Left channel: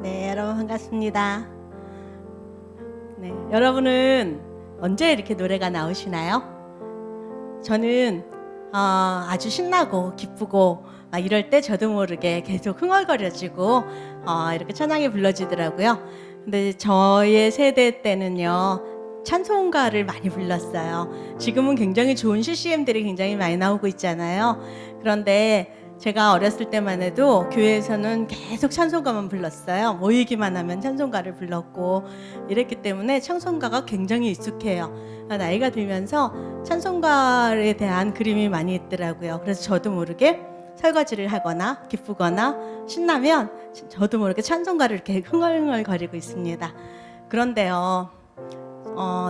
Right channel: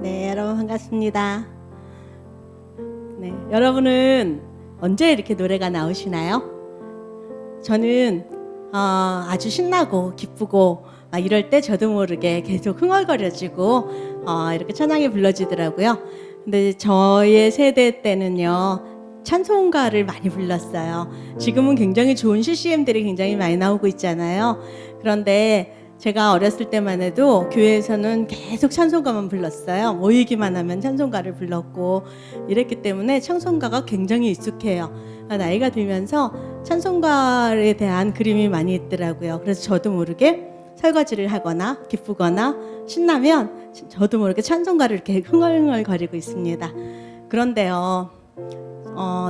네, 여러분 반갑습니다. 네, 여러분은 언제 이렇게 노래가 나오시나요? 저는 아주 신나고 기쁘고 이럴 때 저도 모르게 계속 흥얼거려지고 이렇게 찬양이 불러지더라고요. 근데 저의 세대 때는요, 찬송가를 많이 불렀어요. 지금은 굉장히 좋은 CCM들이 굉장히 많이 나오고 있잖아요. 그런데 제가 어렸을 때만 해도 교회에서는 계속 찬송가만 불렀어요. 모이기만 하면 찬송가를 불렀고 이랬기 때문에 찬송가가 굉장히 익숙해요. 나이가 들면서 찬송가에 대한 그림이 많이 있더라고요. 그래서 저도 모르게 설거지를 하거나 기쁘거나 신나면 저도 모르게 찬송가를 이렇게 흥얼흥얼거리고 있습니다. 그런데요,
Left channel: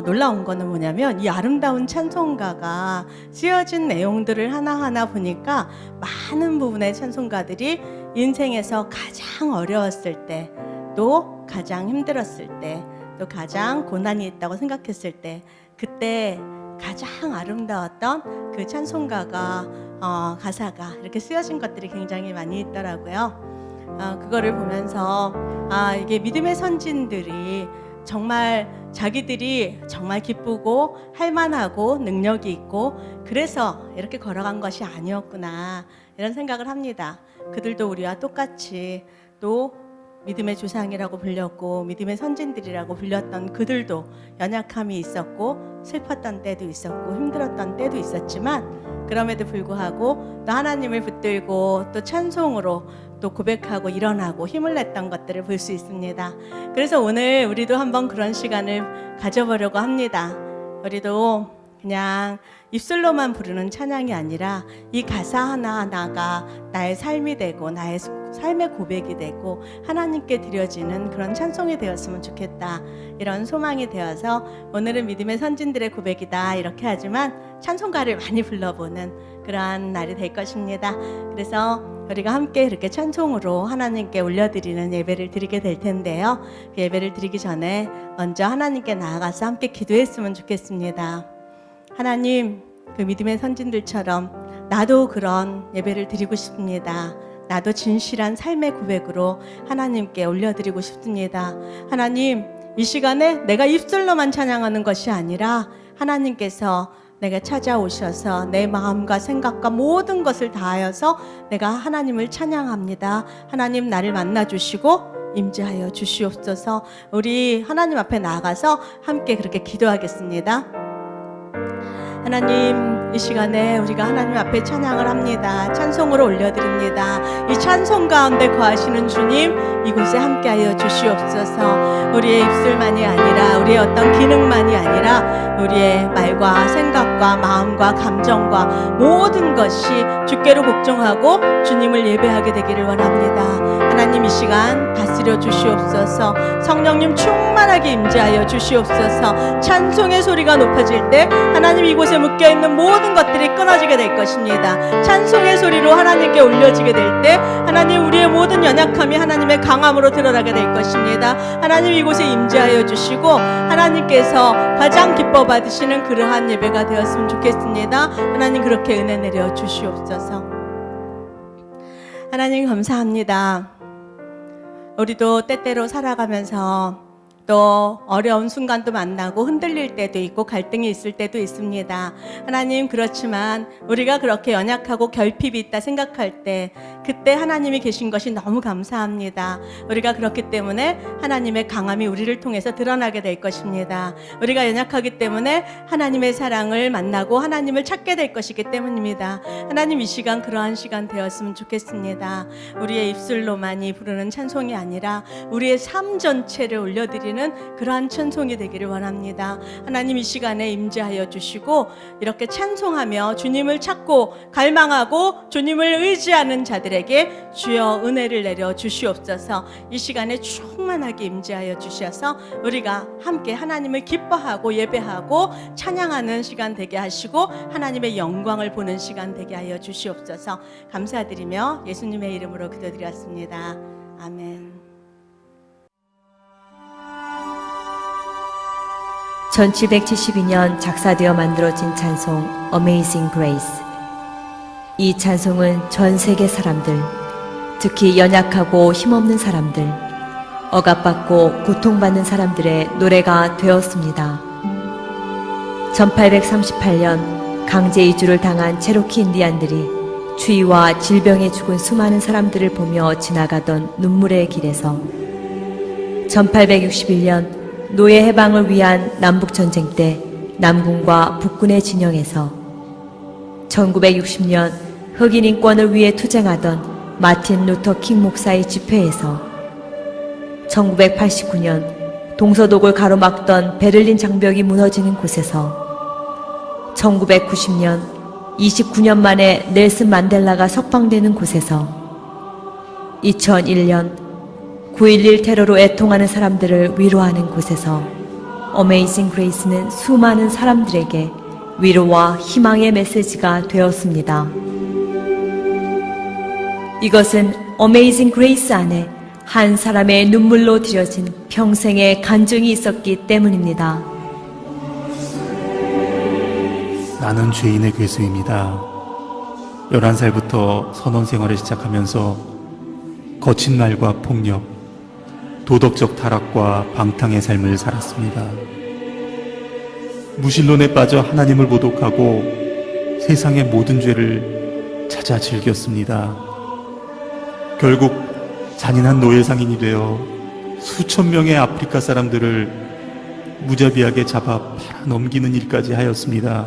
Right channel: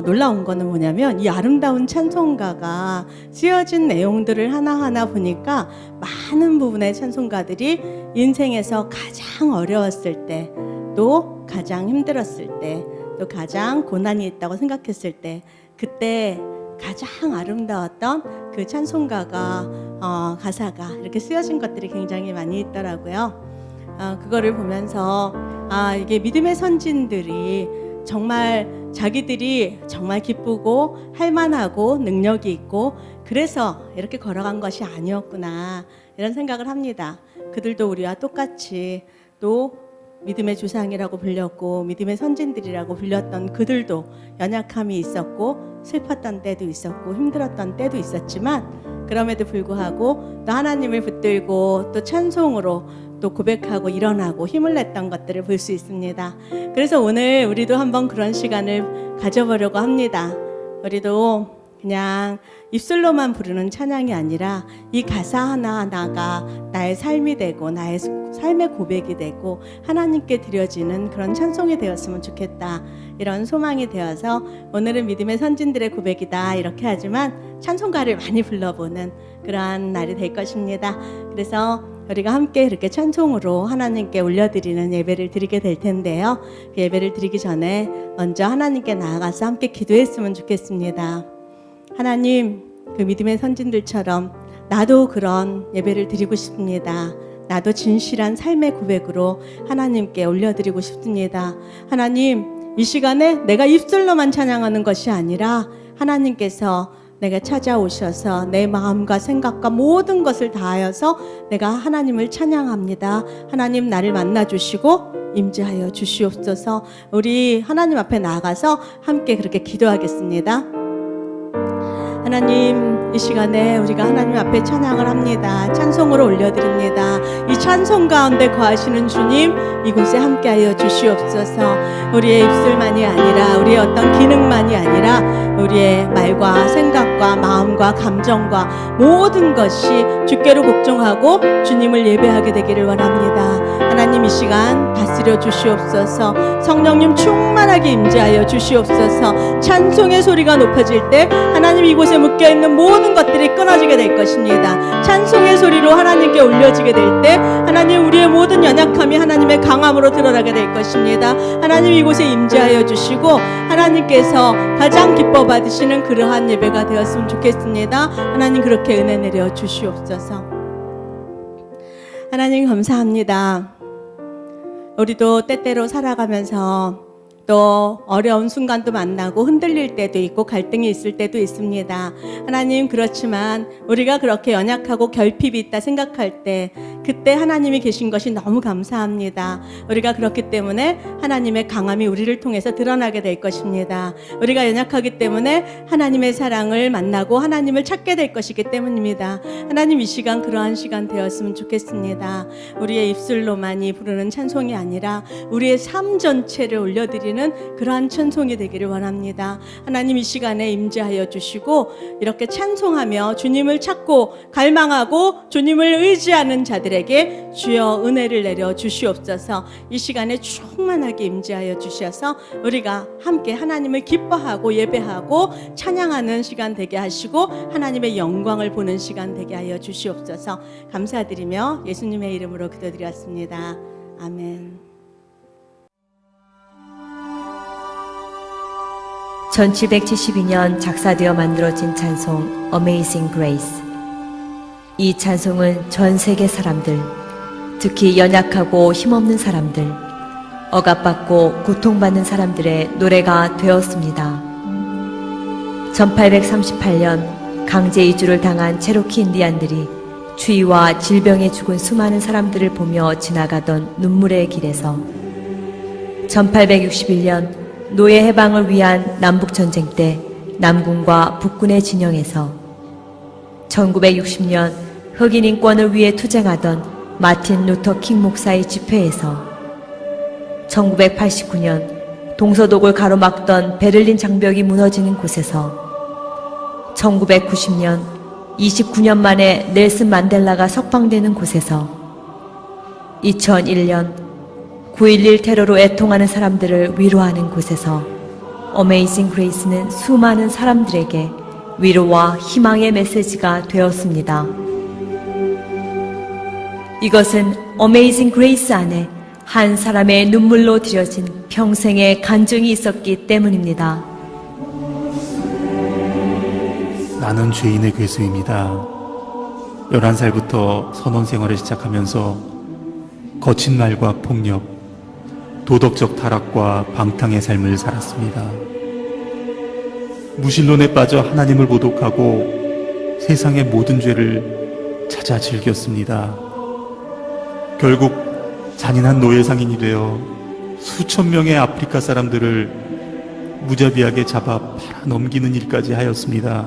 놀라운 거는 뭐냐면 이 아름다운 찬송가가 쓰여진 내용들을 하나하나 보니까 많은 부분의 찬송가들이 인생에서 가장 어려웠을 때, 또 가장 힘들었을 때, 또 가장 고난이 있다고 생각했을 때, 그때 가장 아름다웠던 그 찬송가가 가사가 이렇게 쓰여진 것들이 굉장히 많이 있더라고요. 그거를 보면서 이게 믿음의 선진들이 정말 자기들이 정말 기쁘고 할만하고 능력이 있고 그래서 이렇게 걸어간 것이 아니었구나, 이런 생각을 합니다. 그들도 우리와 똑같이 또 믿음의 조상이라고 불렸고 믿음의 선진들이라고 불렸던 그들도 연약함이 있었고 슬펐던 때도 있었고 힘들었던 때도 있었지만, 그럼에도 불구하고 또 하나님을 붙들고 또 찬송으로 또 고백하고 일어나고 힘을 냈던 것들을 볼 수 있습니다. 그래서 오늘 우리도 한번 그런 시간을 가져보려고 합니다. 우리도 그냥 입술로만 부르는 찬양이 아니라 이 가사 하나하나가 나의 삶이 되고 나의 삶의 고백이 되고 하나님께 드려지는 그런 찬송이 되었으면 좋겠다, 이런 소망이 되어서 오늘은 믿음의 선진들의 고백이다 이렇게 하지만 찬송가를 많이 불러보는 그러한 날이 될 것입니다. 그래서 우리가 함께 이렇게 찬송으로 하나님께 올려드리는 예배를 드리게 될 텐데요, 그 예배를 드리기 전에 먼저 하나님께 나아가서 함께 기도했으면 좋겠습니다. 하나님, 그 믿음의 선진들처럼 나도 그런 예배를 드리고 싶습니다. 나도 진실한 삶의 고백으로 하나님께 올려드리고 싶습니다. 하나님, 이 시간에 내가 입술로만 찬양하는 것이 아니라 하나님께서 내가 찾아오셔서 내 마음과 생각과 모든 것을 다하여서 내가 하나님을 찬양합니다. 하나님, 나를 만나주시고 임재하여 주시옵소서. 우리 하나님 앞에 나아가서 함께 그렇게 기도하겠습니다. 하나님, 이 시간에 우리가 하나님 앞에 찬양을 합니다. 찬송으로 올려드립니다. 이 찬송 가운데 거하시는 주님, 이곳에 함께하여 주시옵소서. 우리의 입술만이 아니라 우리의 어떤 기능만이 아니라 우리의 말과 생각과 마음과 감정과 모든 것이 주께로 복종하고 주님을 예배하게 되기를 원합니다. 하나님, 이 시간 다스려 주시옵소서. 성령님 충만하게 임재하여 주시옵소서. 찬송의 소리가 높아질 때 하나님, 이곳에 묶여있는 모든 것들이 끊어지게 될 것입니다. 찬송의 소리로 하나님께 올려지게 될 때 하나님, 우리의 모든 연약함이 하나님의 강함으로 드러나게 될 것입니다. 하나님, 이곳에 임재하여 주시고 하나님께서 가장 기뻐 받으시는 그러한 예배가 되었으면 좋겠습니다. 하나님, 그렇게 은혜 내려 주시옵소서. 하나님, 감사합니다. 우리도 때때로 살아가면서 또 어려운 순간도 만나고 흔들릴 때도 있고 갈등이 있을 때도 있습니다. 하나님, 그렇지만 우리가 그렇게 연약하고 결핍이 있다 생각할 때 그때 하나님이 계신 것이 너무 감사합니다. 우리가 그렇기 때문에 하나님의 강함이 우리를 통해서 드러나게 될 것입니다. 우리가 연약하기 때문에 하나님의 사랑을 만나고 하나님을 찾게 될 것이기 때문입니다. 하나님, 이 시간 그러한 시간 되었으면 좋겠습니다. 우리의 입술로만이 부르는 찬송이 아니라 우리의 삶 전체를 올려드리는 그러한 찬송이 되기를 원합니다. 하나님, 이 시간에 임재하여 주시고 이렇게 찬송하며 주님을 찾고 갈망하고 주님을 의지하는 자들에게 주여 은혜를 내려 주시옵소서. 이 시간에 충만하게 임재하여 주셔서 우리가 함께 하나님을 기뻐하고 예배하고 찬양하는 시간 되게 하시고 하나님의 영광을 보는 시간 되게 하여 주시옵소서. 감사드리며 예수님의 이름으로 기도드렸습니다. 아멘. 1772년 작사되어 만들어진 찬송 Amazing Grace. 이 찬송은 전 세계 사람들, 특히 연약하고 힘없는 사람들, 억압받고 고통받는 사람들의 노래가 되었습니다. 1838년 강제 이주를 당한 체로키 인디안들이 추위와 질병에 죽은 수많은 사람들을 보며 지나가던 눈물의 길에서 1861년 노예 해방을 위한 남북전쟁 때 남군과 북군의 진영에서 1960년 흑인 인권을 위해 투쟁하던 마틴 루터 킹 목사의 집회에서 1989년 동서독을 가로막던 베를린 장벽이 무너지는 곳에서 1990년 29년 만에 넬슨 만델라가 석방되는 곳에서 2001년 9.11 테러로 애통하는 사람들을 위로하는 곳에서 어메이징 그레이스는 수많은 사람들에게 위로와 희망의 메시지가 되었습니다. 이것은 어메이징 그레이스 안에 한 사람의 눈물로 들여진 평생의 간증이 있었기 때문입니다. 나는 죄인의 괴수입니다. 11살부터 선원 생활을 시작하면서 거친 말과 폭력, 도덕적 타락과 방탕의 삶을 살았습니다. 무신론에 빠져 하나님을 모독하고 세상의 모든 죄를 찾아 즐겼습니다. 결국 잔인한 노예 상인이 되어 수천 명의 아프리카 사람들을 무자비하게 잡아 팔아 넘기는 일까지 하였습니다.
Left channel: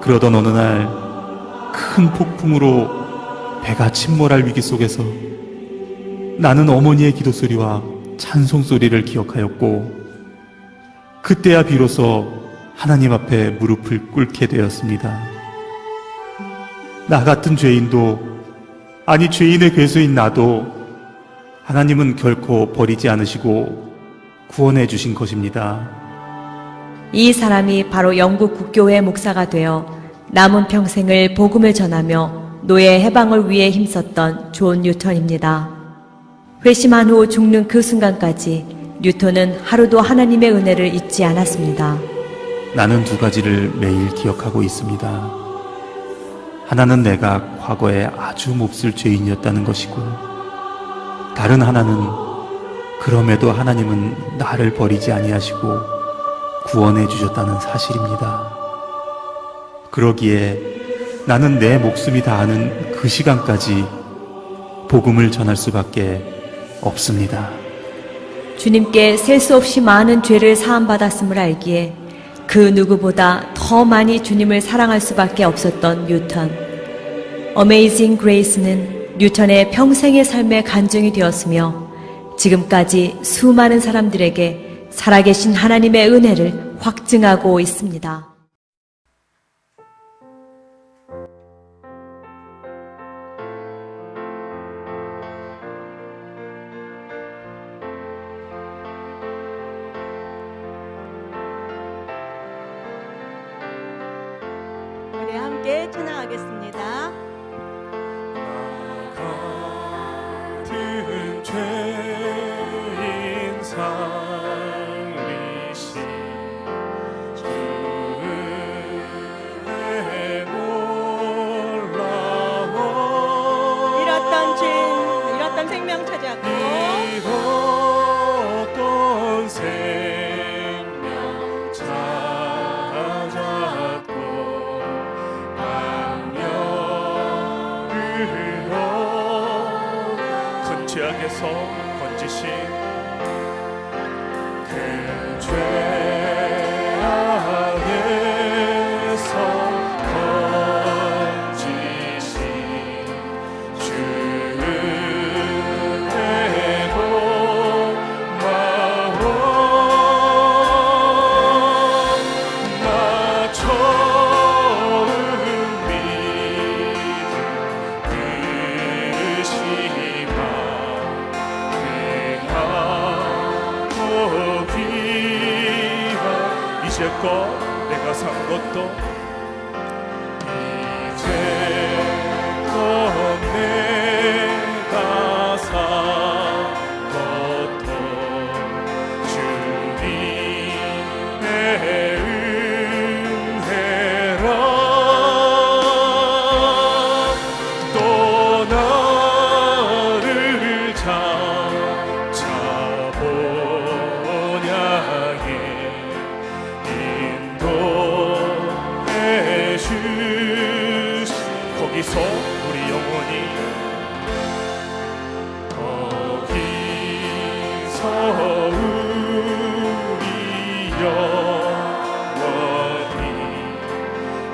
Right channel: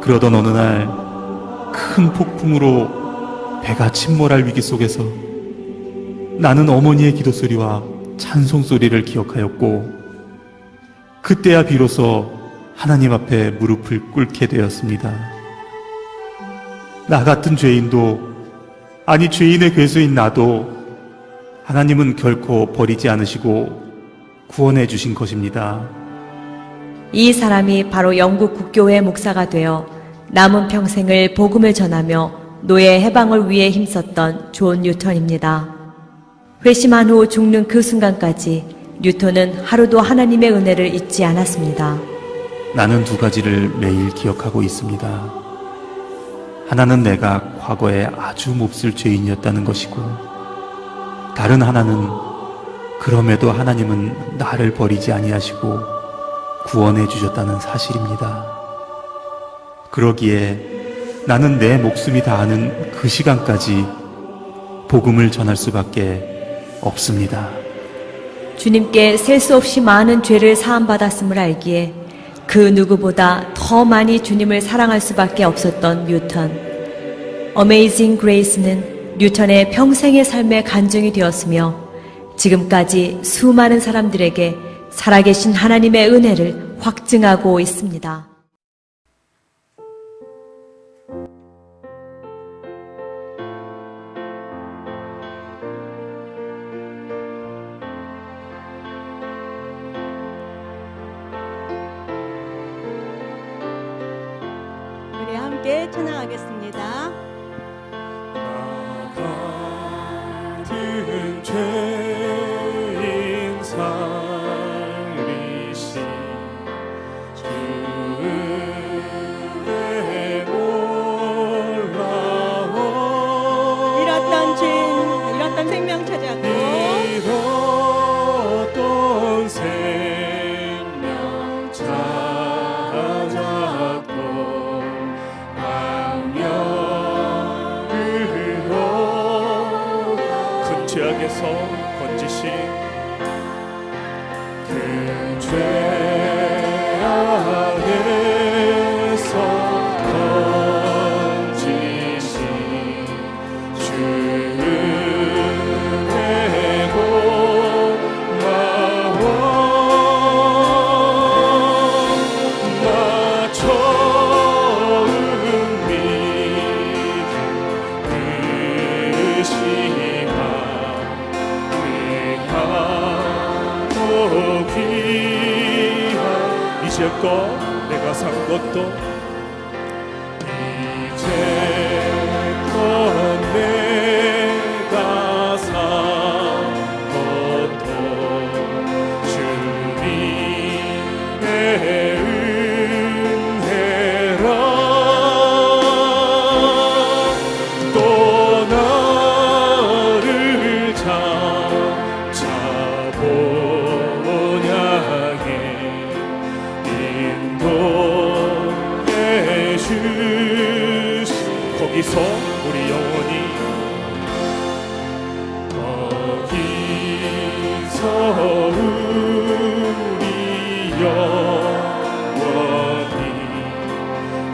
그러던 어느 날 큰 폭풍으로 배가 침몰할 위기 속에서 나는 어머니의 기도 소리와 찬송 소리를 기억하였고, 그때야 비로소 하나님 앞에 무릎을 꿇게 되었습니다. 나 같은 죄인도, 아니 죄인의 괴수인 나도 하나님은 결코 버리지 않으시고 구원해 주신 것입니다. 이 사람이 바로 영국 국교회 목사가 되어 남은 평생을 복음을 전하며 노예 해방을 위해 힘썼던 존 뉴턴입니다. 회심한 후 죽는 그 순간까지 뉴턴은 하루도 하나님의 은혜를 잊지 않았습니다. 나는 두 가지를 매일 기억하고 있습니다. 하나는 내가 과거에 아주 몹쓸 죄인이었다는 것이고, 다른 하나는 그럼에도 하나님은 나를 버리지 아니하시고 구원해 주셨다는 사실입니다. 그러기에 나는 내 목숨이 다하는 그 시간까지 복음을 전할 수밖에 없습니다. 주님께 셀 수 없이 많은 죄를 사함받았음을 알기에 그 누구보다 더 많이 주님을 사랑할 수밖에 없었던 뉴턴. 어메이징 그레이스는 뉴턴의 평생의 삶의 간증이 되었으며 지금까지 수많은 사람들에게 살아계신 하나님의 은혜를 확증하고 있습니다. 우리 함께 찬양하겠습니다. 같은 죄인 살리신 주의 놀라운 잃었던 죄인, 잃었던 생명 찾았고 잃었던 생명 찾았고 악령으로 큰 죄악에서 건지신 큰 죄악에서 건지신 주의 놀라운 나 처음 믿은 그시나 이제껏 내가 산 것도 이제껏 내가 산 것도 주님의 은혜라 또 나 거기서 우리 영원히 거기서 우리 영원히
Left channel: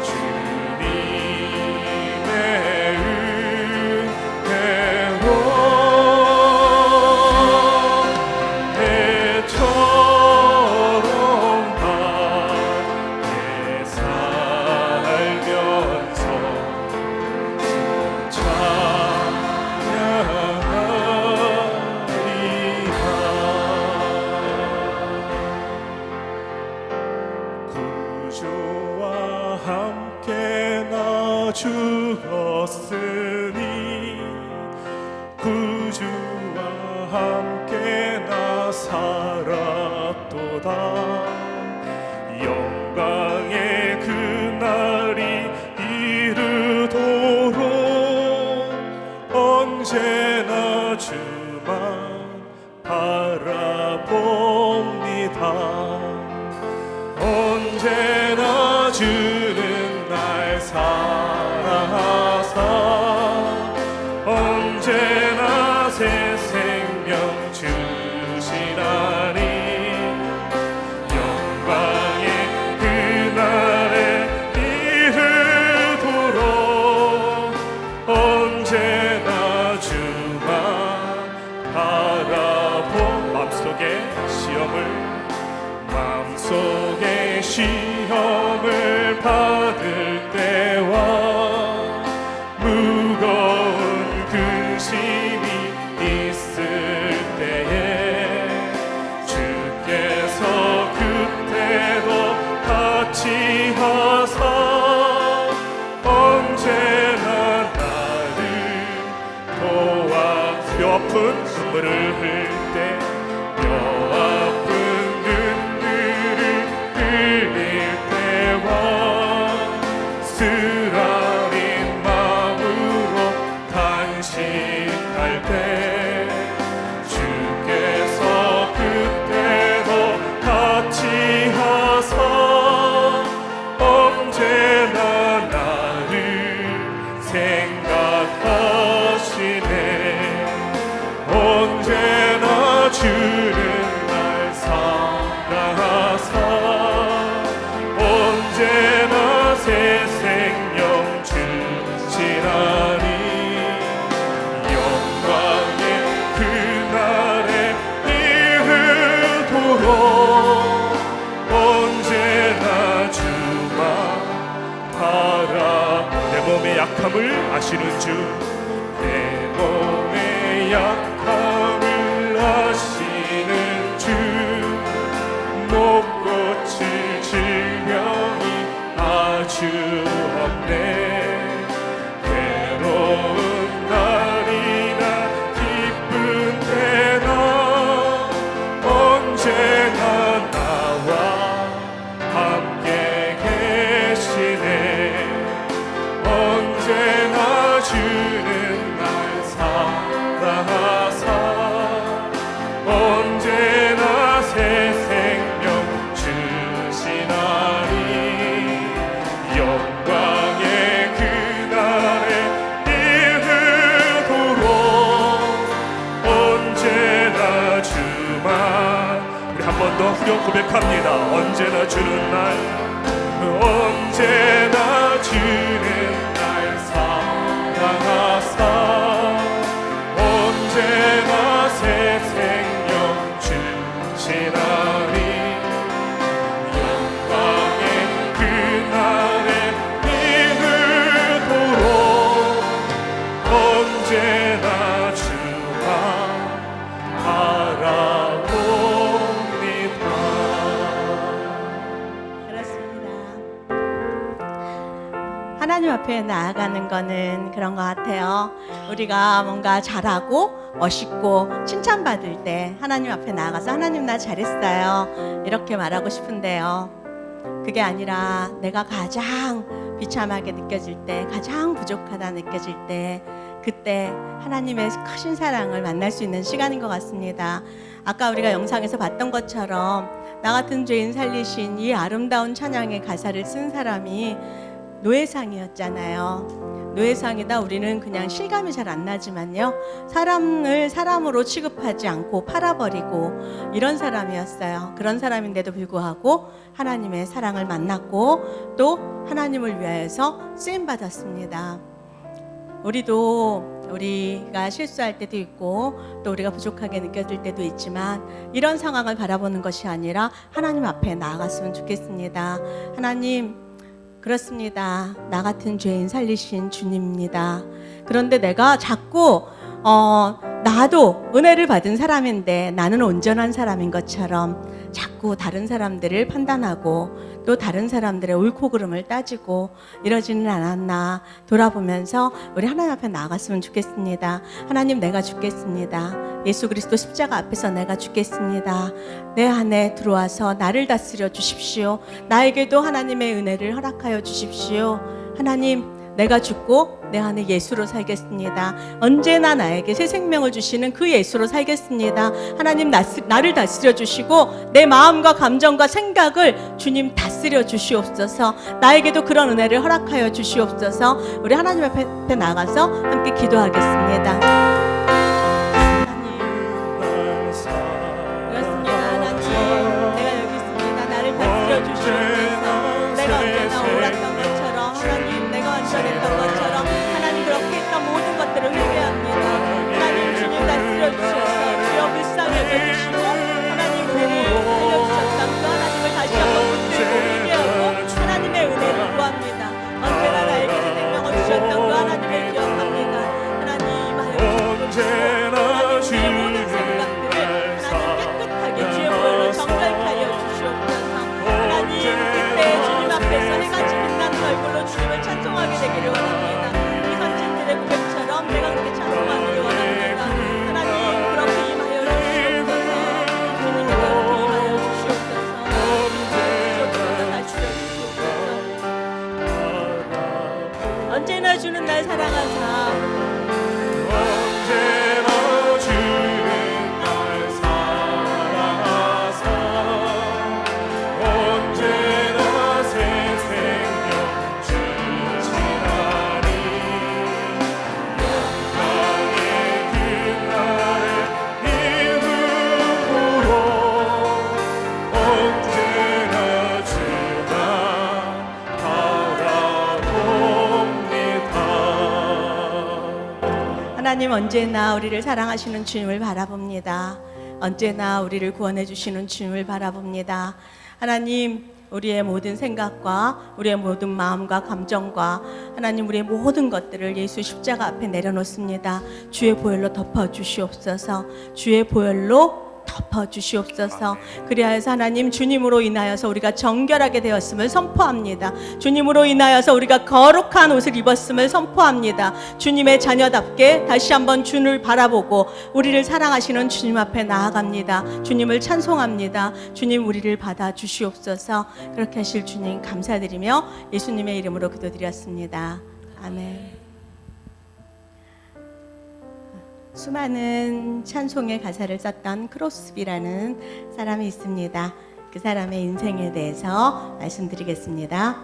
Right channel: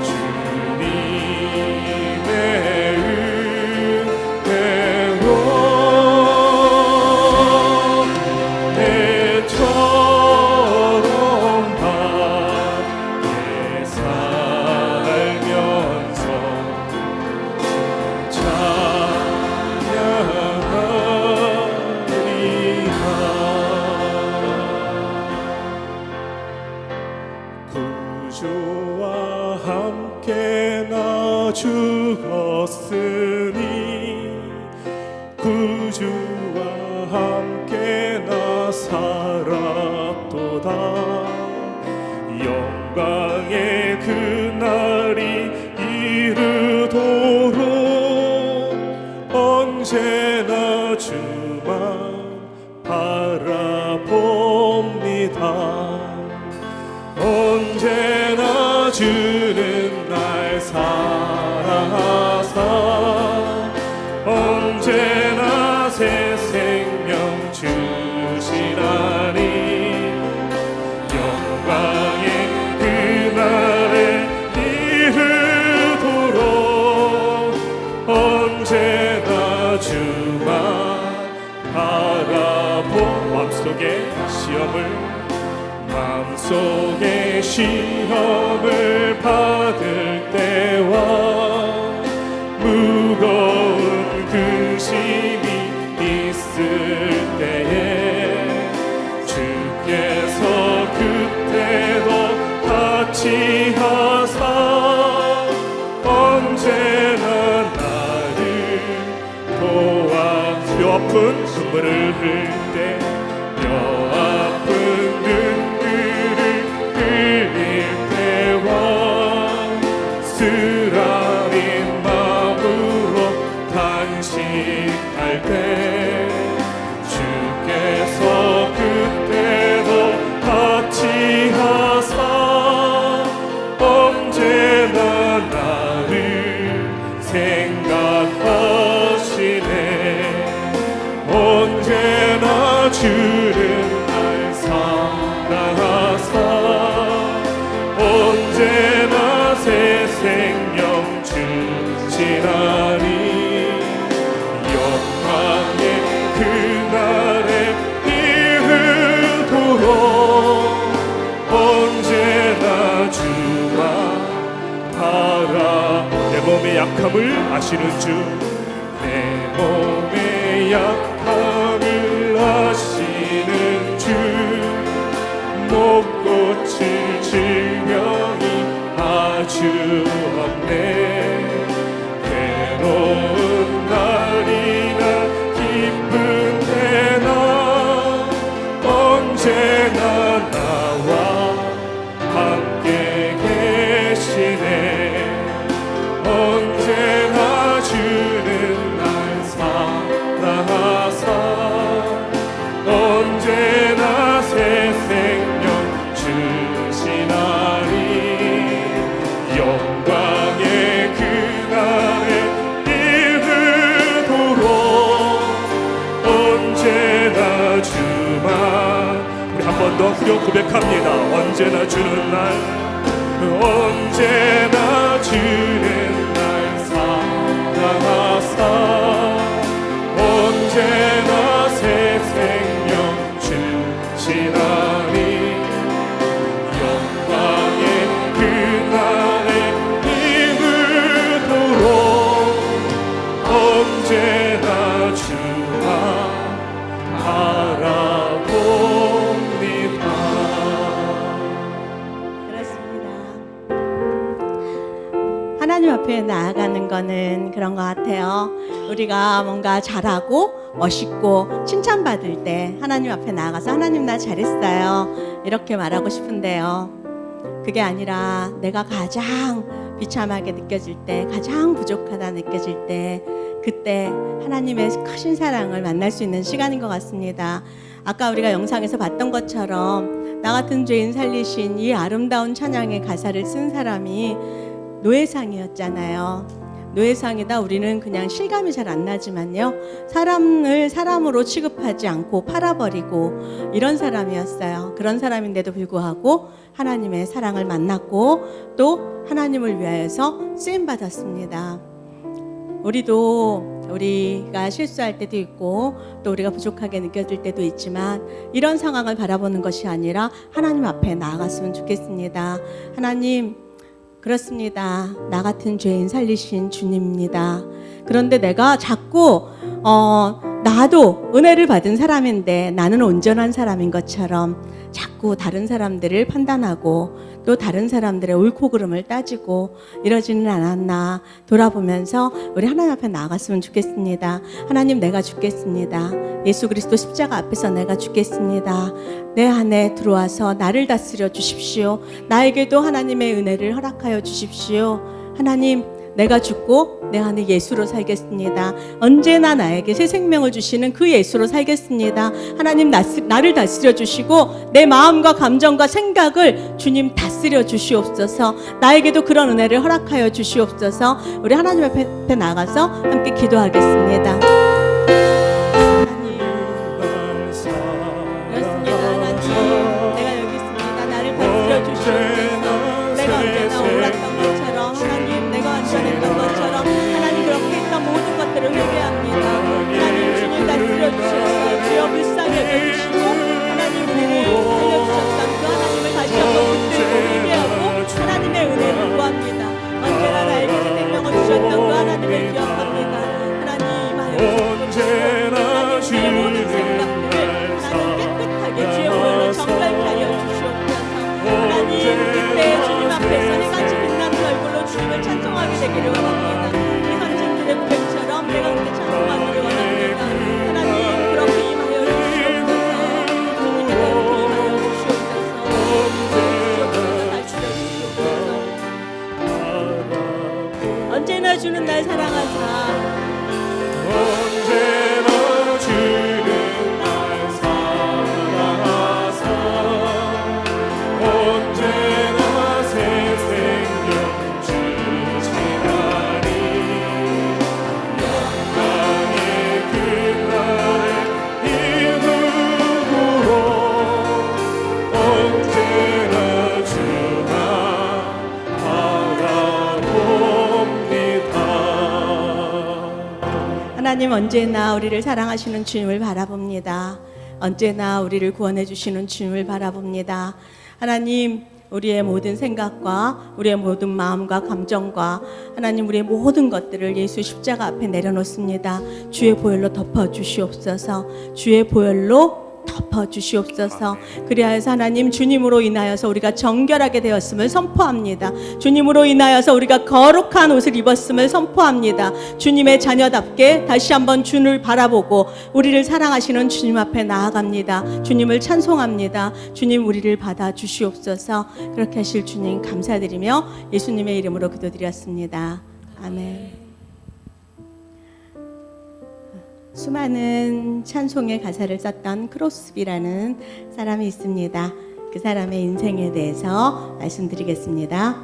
주님의 은혜로 배처럼 밝게 살면서 구주와 함께 나 죽었으니 구주와 함께 나 살았도다 영광의 그날이 이르도록 언제나 주만 바라봅니다 언제나 주는 날 사랑하사 언제나 새 생명 주시나니 영광의 그날에 이르도록 언제나 주만 바라보 마음속에 시험을 받을 때와 무거운 근심이 있을 때에 주께서 그때도 같이 하사 언제나 나를 도와 뼈 아픈 눈물을 흘릴 때 뼈 아픈 눈물을 흘릴 때와 쓰라린 마음으로 탄식할 때 주께서 그때도 같이 하사 언제나 나를 생각하시네 언제나 주는 날 사랑하사 언제나 새 생명 주시나니 영광의 그날에 이르도록 언제나 주만 바라 내 몸의 약함을 아시는 주 내 몸의 약함을 아시는 주 못 고칠 질병이 아주 없네 괴로운 날이나 기쁜 때나 언제나 나와 함께 계시네 언제나 주는 날 사랑하사 언제나 새 생명 주시나니 영광의 그날에 이르도록 언제나 주만 우리 한 번 더 후렴 고백합니다 언제나 주는 날 언제나 주는 날 사랑하사 언제나 새 생명 주시나니 영광의 그날에 이르도록 언제나 주만 바라봅니다 그렇습니다. 하나님 앞에 나아가는 거는 그런 것 같아요. 우리가 뭔가 잘하고 멋있고 칭찬받을 때 하나님 앞에 나아가서 하나님 나 잘했어요 이렇게 말하고 싶은데요. 그게 아니라 내가 가장 비참하게 느껴질 때 가장 부족하다 느껴질 때 그때 하나님의 크신 사랑을 만날 수 있는 시간인 것 같습니다. 아까 우리가 영상에서 봤던 것처럼 나 같은 죄인 살리신 이 아름다운 찬양의 가사를 쓴 사람이 노회상이었잖아요. 노예상이다 우리는 그냥 실감이 잘 안 나지만요. 사람을 사람으로 취급하지 않고 팔아버리고 이런 사람이었어요. 그런 사람인데도 불구하고 하나님의 사랑을 만났고 또 하나님을 위해서 쓰임받았습니다. 우리가 실수할 때도 있고 또 우리가 부족하게 느껴질 때도 있지만 이런 상황을 바라보는 것이 아니라 하나님 앞에 나아갔으면 좋겠습니다. 하나님, 그렇습니다. 나 같은 죄인 살리신 주님입니다. 그런데 내가 자꾸 나도 은혜를 받은 사람인데 나는 온전한 사람인 것처럼 자꾸 다른 사람들을 판단하고 또 다른 사람들의 옳고 그름을 따지고 이러지는 않았나 돌아보면서 우리 하나님 앞에 나아갔으면 좋겠습니다. 하나님, 내가 죽겠습니다. 예수 그리스도 십자가 앞에서 내가 죽겠습니다. 내 안에 들어와서 나를 다스려 주십시오. 나에게도 하나님의 은혜를 허락하여 주십시오. 하나님, 내가 죽고 내 안에 예수로 살겠습니다. 언제나 나에게 새 생명을 주시는 그 예수로 살겠습니다. 하나님, 나를 다스려 주시고 내 마음과 감정과 생각을 주님 다스려 주시옵소서. 나에게도 그런 은혜를 허락하여 주시옵소서. 우리 하나님 앞에 나가서 함께 기도하겠습니다. 그렇습니다. 하나님, 내가 여기 있습니다. 나를 다스려 주시옵소서. 내가 언제나 옳았던 것처럼 하나님, 내가 완전했던 것처럼 하나님 그렇게 했던 모든 것들을 회개합니다. 하나님, 주님 다스려 주셔서 주여 불쌍히 여겨주시고 하나님 우리를 살려주셨던 그 하나님을 다시 한번 붙들고 회개하고 하나님의 은혜를 구합니다. 언제나 나에게 생명을 주셨던 그 하나님을 기억합니다. 하나님, 하여 주시옵소서. 모든 생각들 하나님 깨끗하게 주여 보여 정갈하여 주시옵소서. 하나님, 그때 주님 앞에서 해같이 빛나는 얼굴로 주님을 찬송하게 되기를 원합니다. 이 선진들의 고백처럼 내가 그렇게 찬송하기를 원합니다. 하나님, 그렇게 임하여 주시옵소서. 주님 그렇게 임하여 주시옵소서. 다스려 주시옵소서. 언제나 주는 날 사랑하사 하나님, 언제나 우리를 사랑하시는 주님을 바라봅니다. 언제나 우리를 구원해 주시는 주님을 바라봅니다. 하나님, 우리의 모든 생각과 우리의 모든 마음과 감정과 하나님 우리의 모든 것들을 예수 십자가 앞에 내려놓습니다. 주의 보혈로 덮어 주시옵소서. 주의 보혈로 덮어 주시옵소서. 그리하여서 하나님, 주님으로 인하여서 우리가 정결하게 되었음을 선포합니다. 주님으로 인하여서 우리가 거룩한 옷을 입었음을 선포합니다. 주님의 자녀답게 다시 한번 주님을 바라보고 우리를 사랑하시는 주님 앞에 나아갑니다. 주님을 찬송합니다. 주님, 우리를 받아 주시옵소서. 그렇게 하실 주님 감사드리며 예수님의 이름으로 기도드렸습니다. 아멘. 수많은 찬송의 가사를 썼던 크로스비라는 사람이 있습니다. 그 사람의 인생에 대해서 말씀드리겠습니다.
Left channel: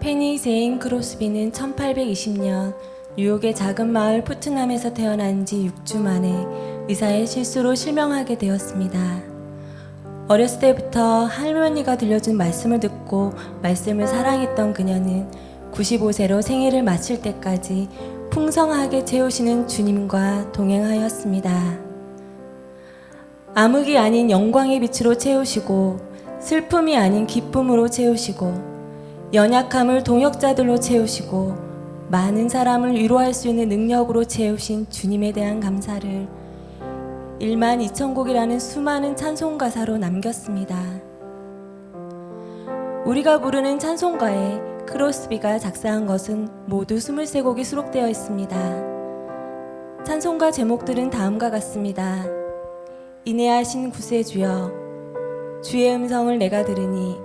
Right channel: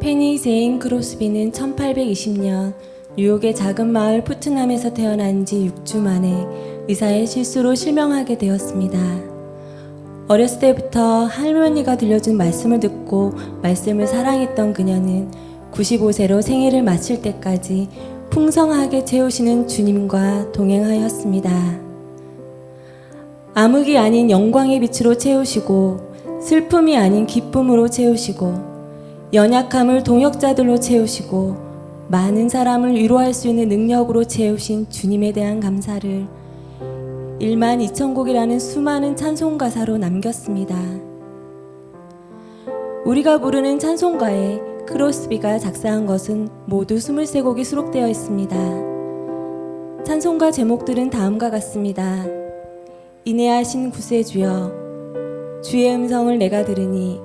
페니 제인 크로스비는 1820년 뉴욕의 작은 마을 푸트남에서 태어난 지 6주 만에 의사의 실수로 실명하게 되었습니다. 어렸을 때부터 할머니가 들려준 말씀을 듣고 말씀을 사랑했던 그녀는 95세로 생애를 마칠 때까지 풍성하게 채우시는 주님과 동행하였습니다. 암흑이 아닌 영광의 빛으로 채우시고 슬픔이 아닌 기쁨으로 채우시고 연약함을 동역자들로 채우시고 많은 사람을 위로할 수 있는 능력으로 채우신 주님에 대한 감사를 1만 2천 곡이라는 수많은 찬송 가사로 남겼습니다. 우리가 부르는 찬송가에 크로스비가 작사한 것은 모두 23곡이 수록되어 있습니다. 찬송가 제목들은 다음과 같습니다. 인애하신 구세주여, 주의 음성을 내가 들으니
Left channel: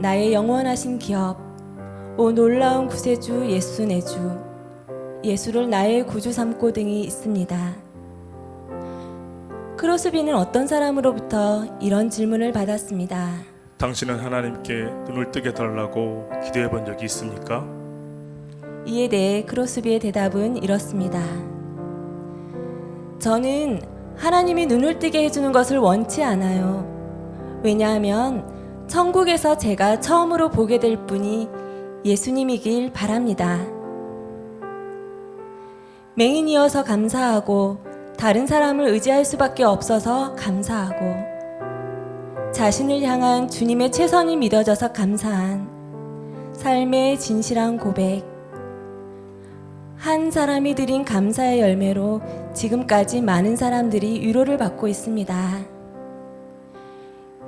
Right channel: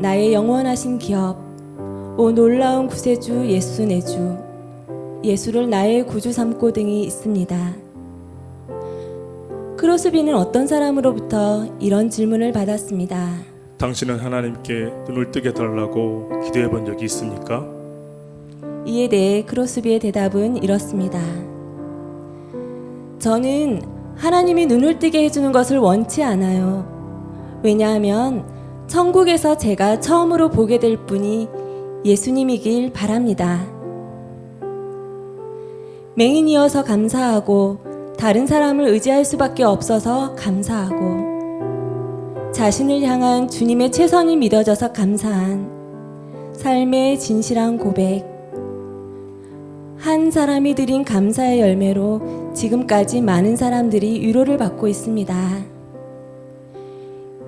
나의 영원하신 기업, 오 놀라운 구세주 예수 내 주, 예수를 나의 구주 삼고 등이 있습니다. 크로스비는 어떤 사람으로부터 이런 질문을 받았습니다. 당신은 하나님께 눈을 뜨게 달라고 기도해 본 적이 있습니까? 이에 대해 크로스비의 대답은 이렇습니다. 저는 하나님이 눈을 뜨게 해주는 것을 원치 않아요. 왜냐하면 천국에서 제가 처음으로 보게 될 분이 예수님이길 바랍니다. 맹인이어서 감사하고 다른 사람을 의지할 수밖에 없어서 감사하고 자신을 향한 주님의 최선이 믿어져서 감사한 삶의 진실한 고백, 한 사람이 드린 감사의 열매로 지금까지 많은 사람들이 위로를 받고 있습니다.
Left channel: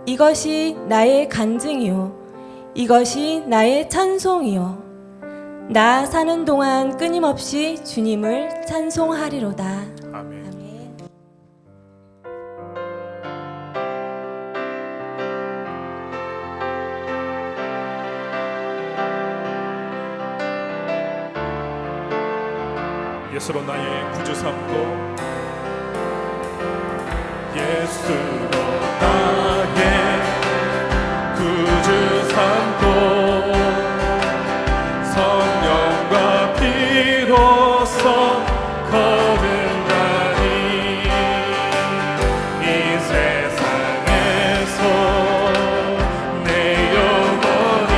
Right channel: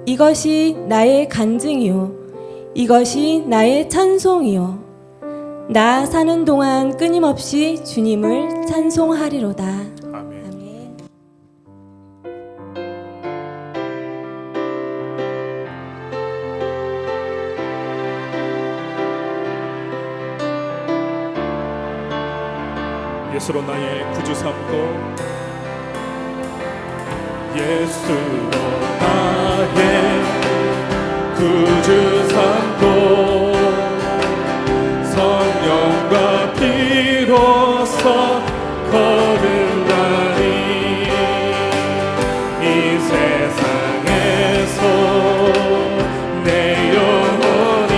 이것이 나의 간증이요, 이것이 나의 찬송이요, 나 사는 동안 끊임없이 주님을 찬송하리로다. 아멘. 예수로 나의 구주 삼고 예수로 나의 구주 삼고 성령과 피로써 거듭나니 이 세상에서 내 영혼이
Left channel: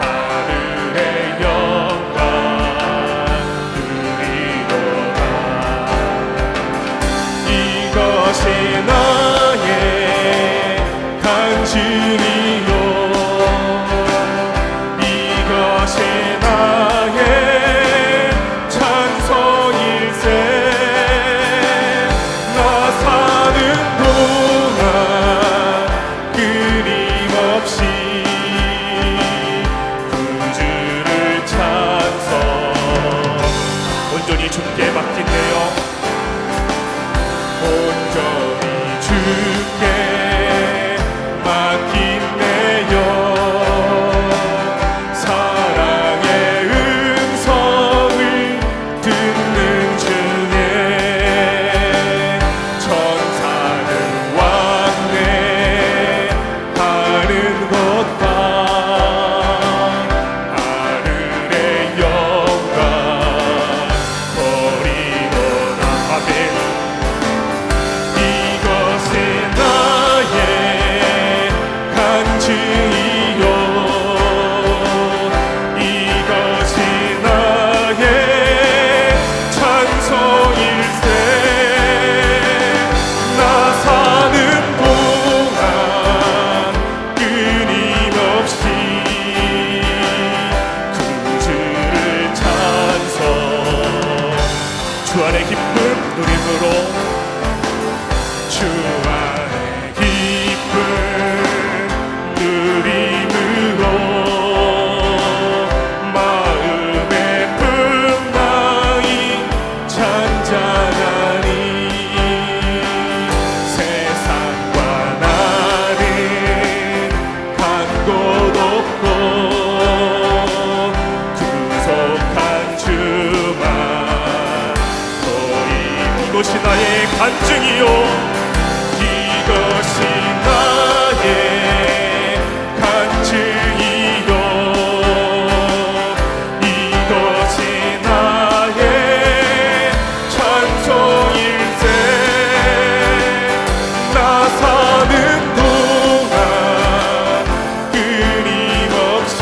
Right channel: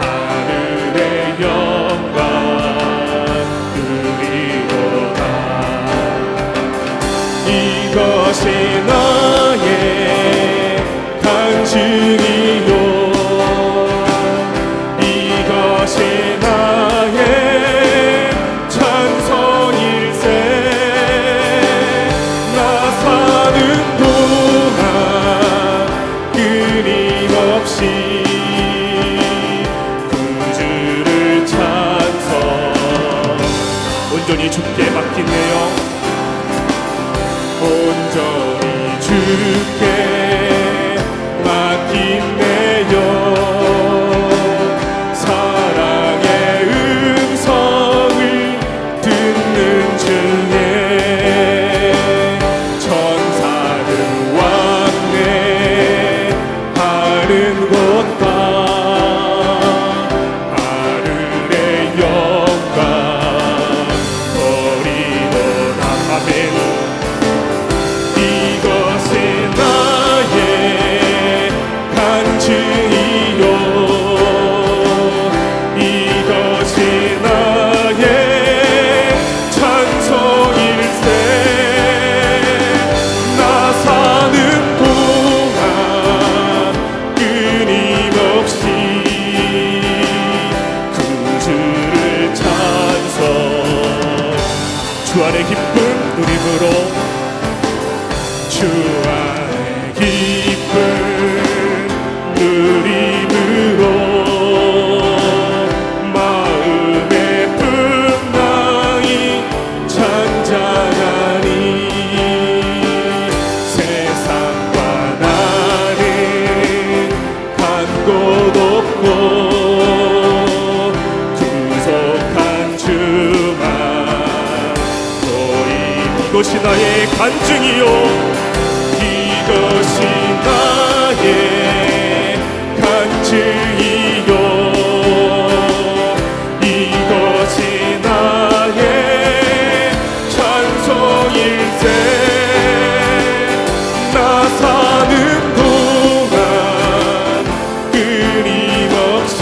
하늘의 영광 누리로다. 이것이 나의 간증이요, 이것이 나의 찬송일세. 나 사는 동안 끊임없이 구주를 찬송. 온전히 주께 맡기네요. 온전히 주께 맡기네요. 사랑의 음성을 듣는 중에 천사는 왕래 하는 곳다. 하늘의 영광 버리노라. 아멘. 이것이 나의 간증이요, 이것이 나의 찬송일세. 나 사는 동안 끊임없이 구주를 찬송. 주 안의 기쁨 누림으로, 주 안의 기쁨 누림으로 마음의 풍랑이 잔잔하니 세상과 나는 간 곳 없고 구속한 주만 거리. 이것이 나의 간증이요, 이것이 나의 간증이요, 이것이 나의 찬송일세. 나 사는 동안 끊임없이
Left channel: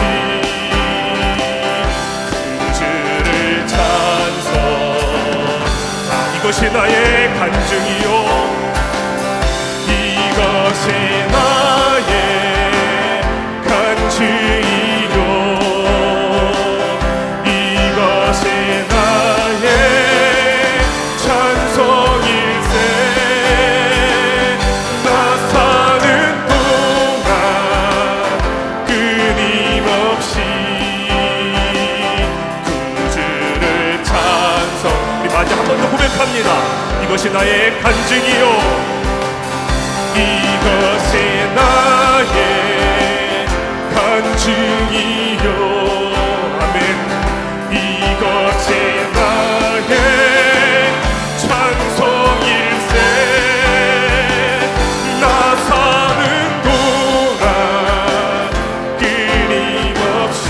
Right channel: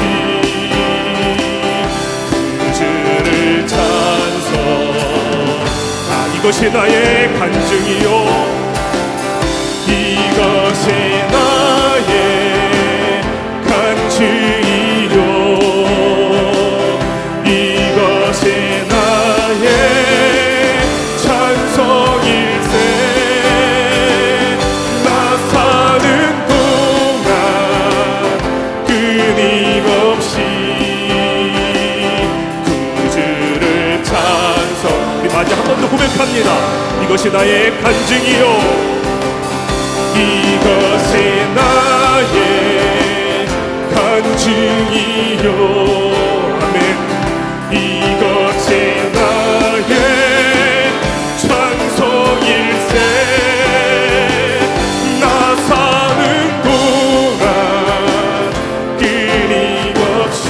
구주를 찬송. 이것이 나의 간증이요, 이것이 나의 간증이요, 이것이 나의 찬송일세. 나 사는 동안 끊임없이 구주를 찬송. 마지 한 번 더 고백합니다. 이것이 나의 간증이요, 이것이 나의 간증이요. 아멘. 이것이 나의 찬송일세. 나 사는 동안 끊임없이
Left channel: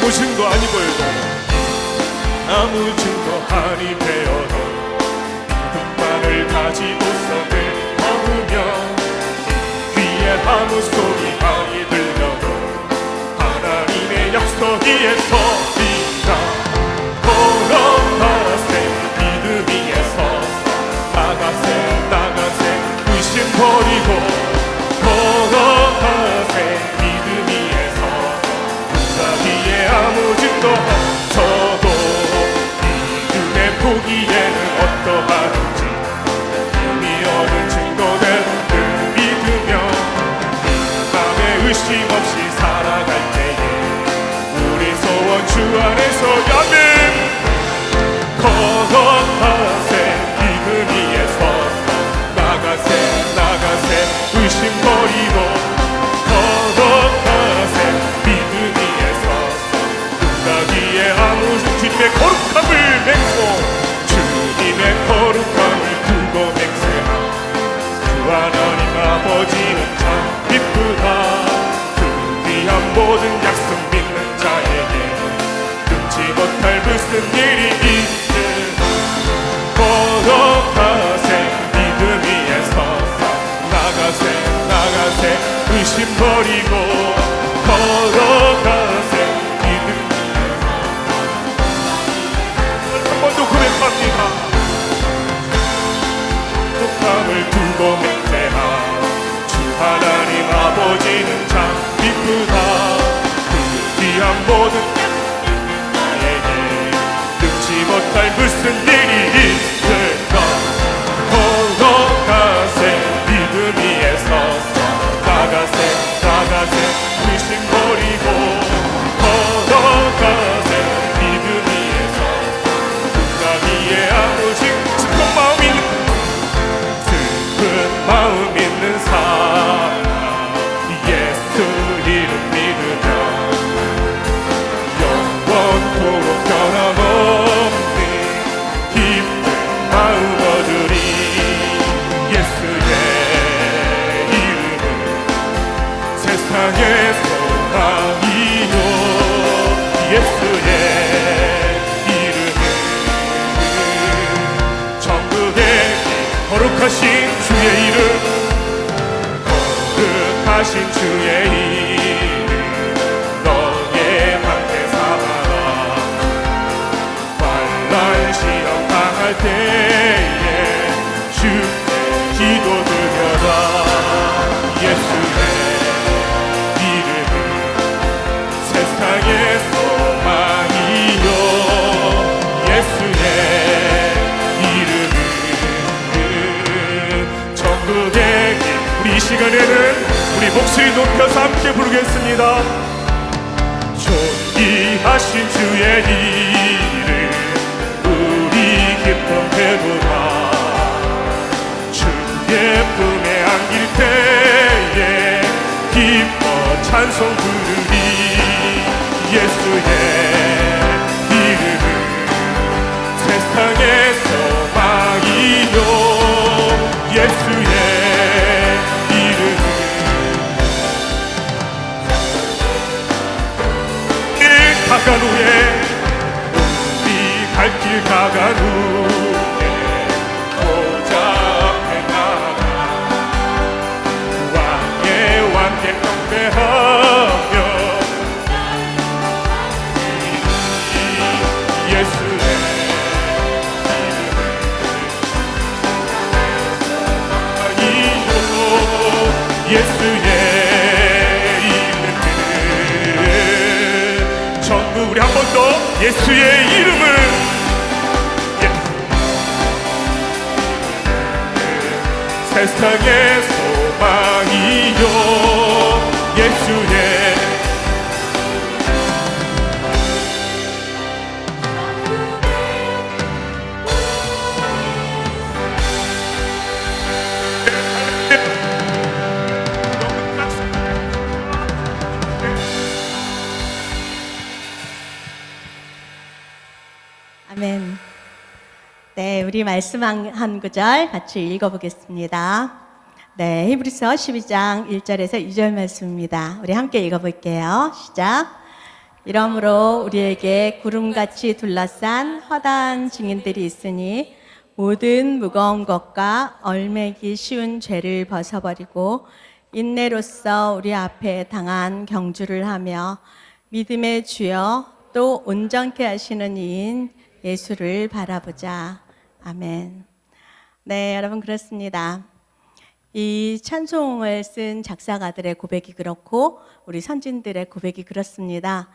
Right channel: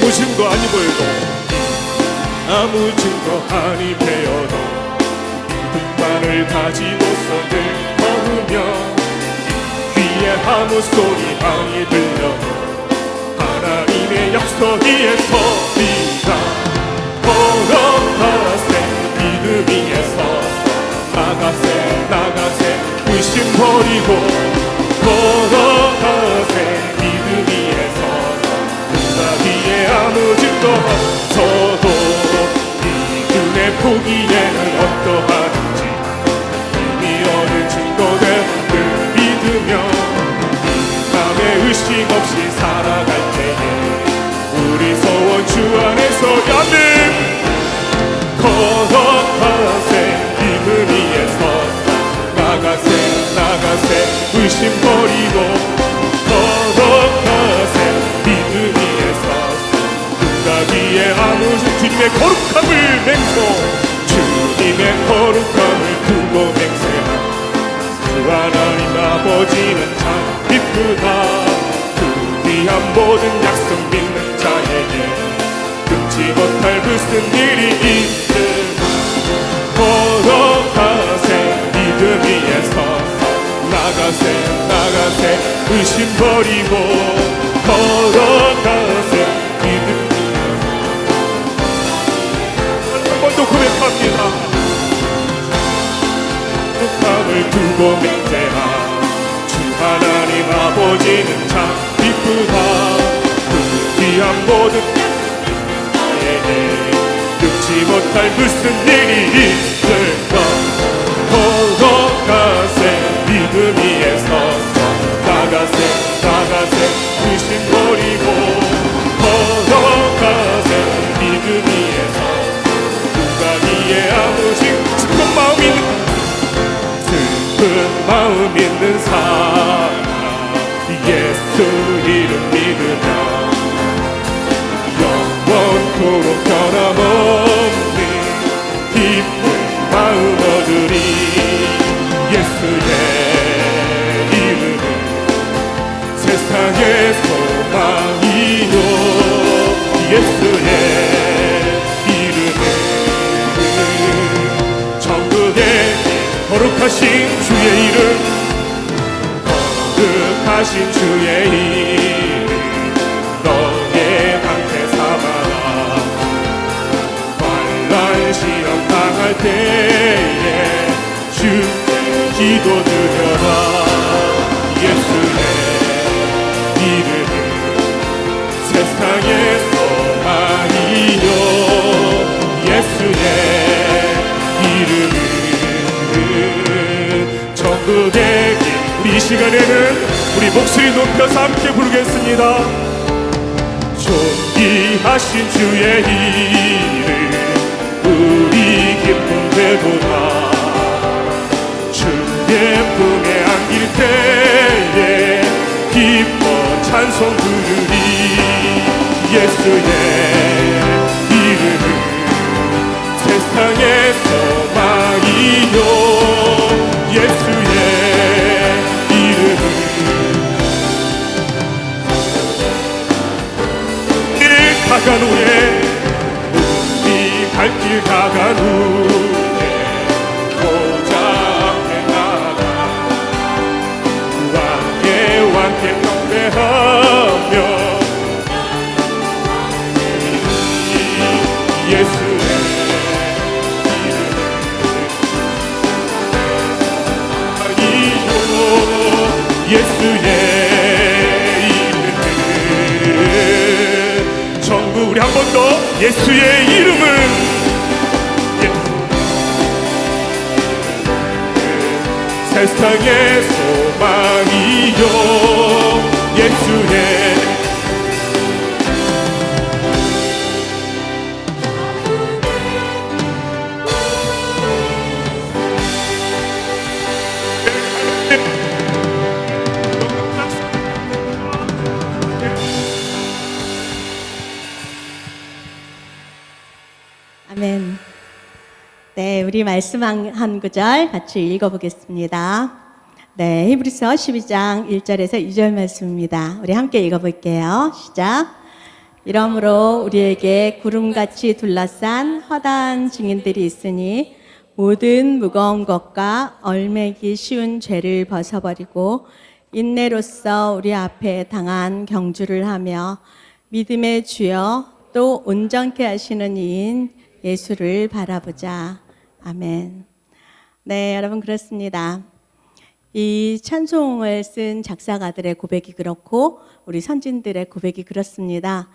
아무 증거 아니 벌고 아무 증거 아니 되어도 믿음만을 가지고서는 걸으면 귀에 아무 소리 아니 들려도 하나님의 약속 위에 서리라. 걸어가세 믿음 위에서 나가세 의심 버리고 걸어가세 믿음 위에서 눈가기에 아무 증거 없어도 믿음의 포기에는 어떠하든지 이미 얻은 증거대로 믿으며 남의 의심 없이 살아갈 때에 우리 소원 주 안에서 야는 걸어가세 믿음 위에서 나가세 의심 버리고 걸어가세 믿음 위에서 눈가 위에 아무 주님의 거룩함을 맹세 주님의 거룩함을 두고 맹세하 주 하나님 아버지는 참 기쁘다. 그 귀한 모든 약속 믿는 자에게 금치 못할 무슨 일이 있든 걸어가세 믿음 위에서 나가세 의심 버리고 걸어가세 믿음 한 번 더 고백합니다. 거룩함을 두고 맹세하 주 하나님 아버지는 참 기쁘다. 그 귀한 모든 나에게 끊지 못할 무슨 일이 있을까. 걸어가세 믿음 위에서 나가세 의심 버리고 걸어가세 믿음 위에서 누가 위에 아무 슬픈 마음 있는 사람 예수 이름 믿으며 영원토록 변함없는 기쁜 마음 얻으리. 예수의 이름은 세상의 소망이요 예수의 이름은 천국의 거룩하신 주의 이름 거룩하신 주의 이름 너의 방패 삼아 환난 시험 당할 때에 주께 기도드려라. 예수의 이름은 세상의 소망이요 예수의 천국의 길. 우리 이 시간에는 우리 목소리 높여서 함께 부르겠습니다. 존귀하신 주의 이름 우리 기쁨 되도다. 주의 품에 안길 때에 기뻐 찬송 부르리. 예수의 이름은 세상의 소망이요 예수의 이름은 길 가간 후에 우리 갈 길 가간 후에 보좌 앞에 나가 왕께 함께하며 예수의 예수의 이름은 전부 우리 한 번 더 예수의 이름은 세상의 소망이요 예수의 아멘. 네, 우리 말씀 한 구절 같이 읽어보겠습니다. 네, 히브리서 12장 1절에서 2절 말씀입니다. 우리 함께 읽어볼게요. 시작. 이러므로 우리에게 구름같이 둘러싼 허다한 증인들이 있으니 모든 무거운 것과 얼매기 쉬운 죄를 벗어버리고 인내로써 우리 앞에 당한 경주를 하며 믿음의 주여 또 온전케 하시는 이인 예수를 바라보자. 아멘. 네, 여러분 그렇습니다. 이 찬송을 쓴 작사가들의 고백이 그렇고 우리 선진들의 고백이 그렇습니다.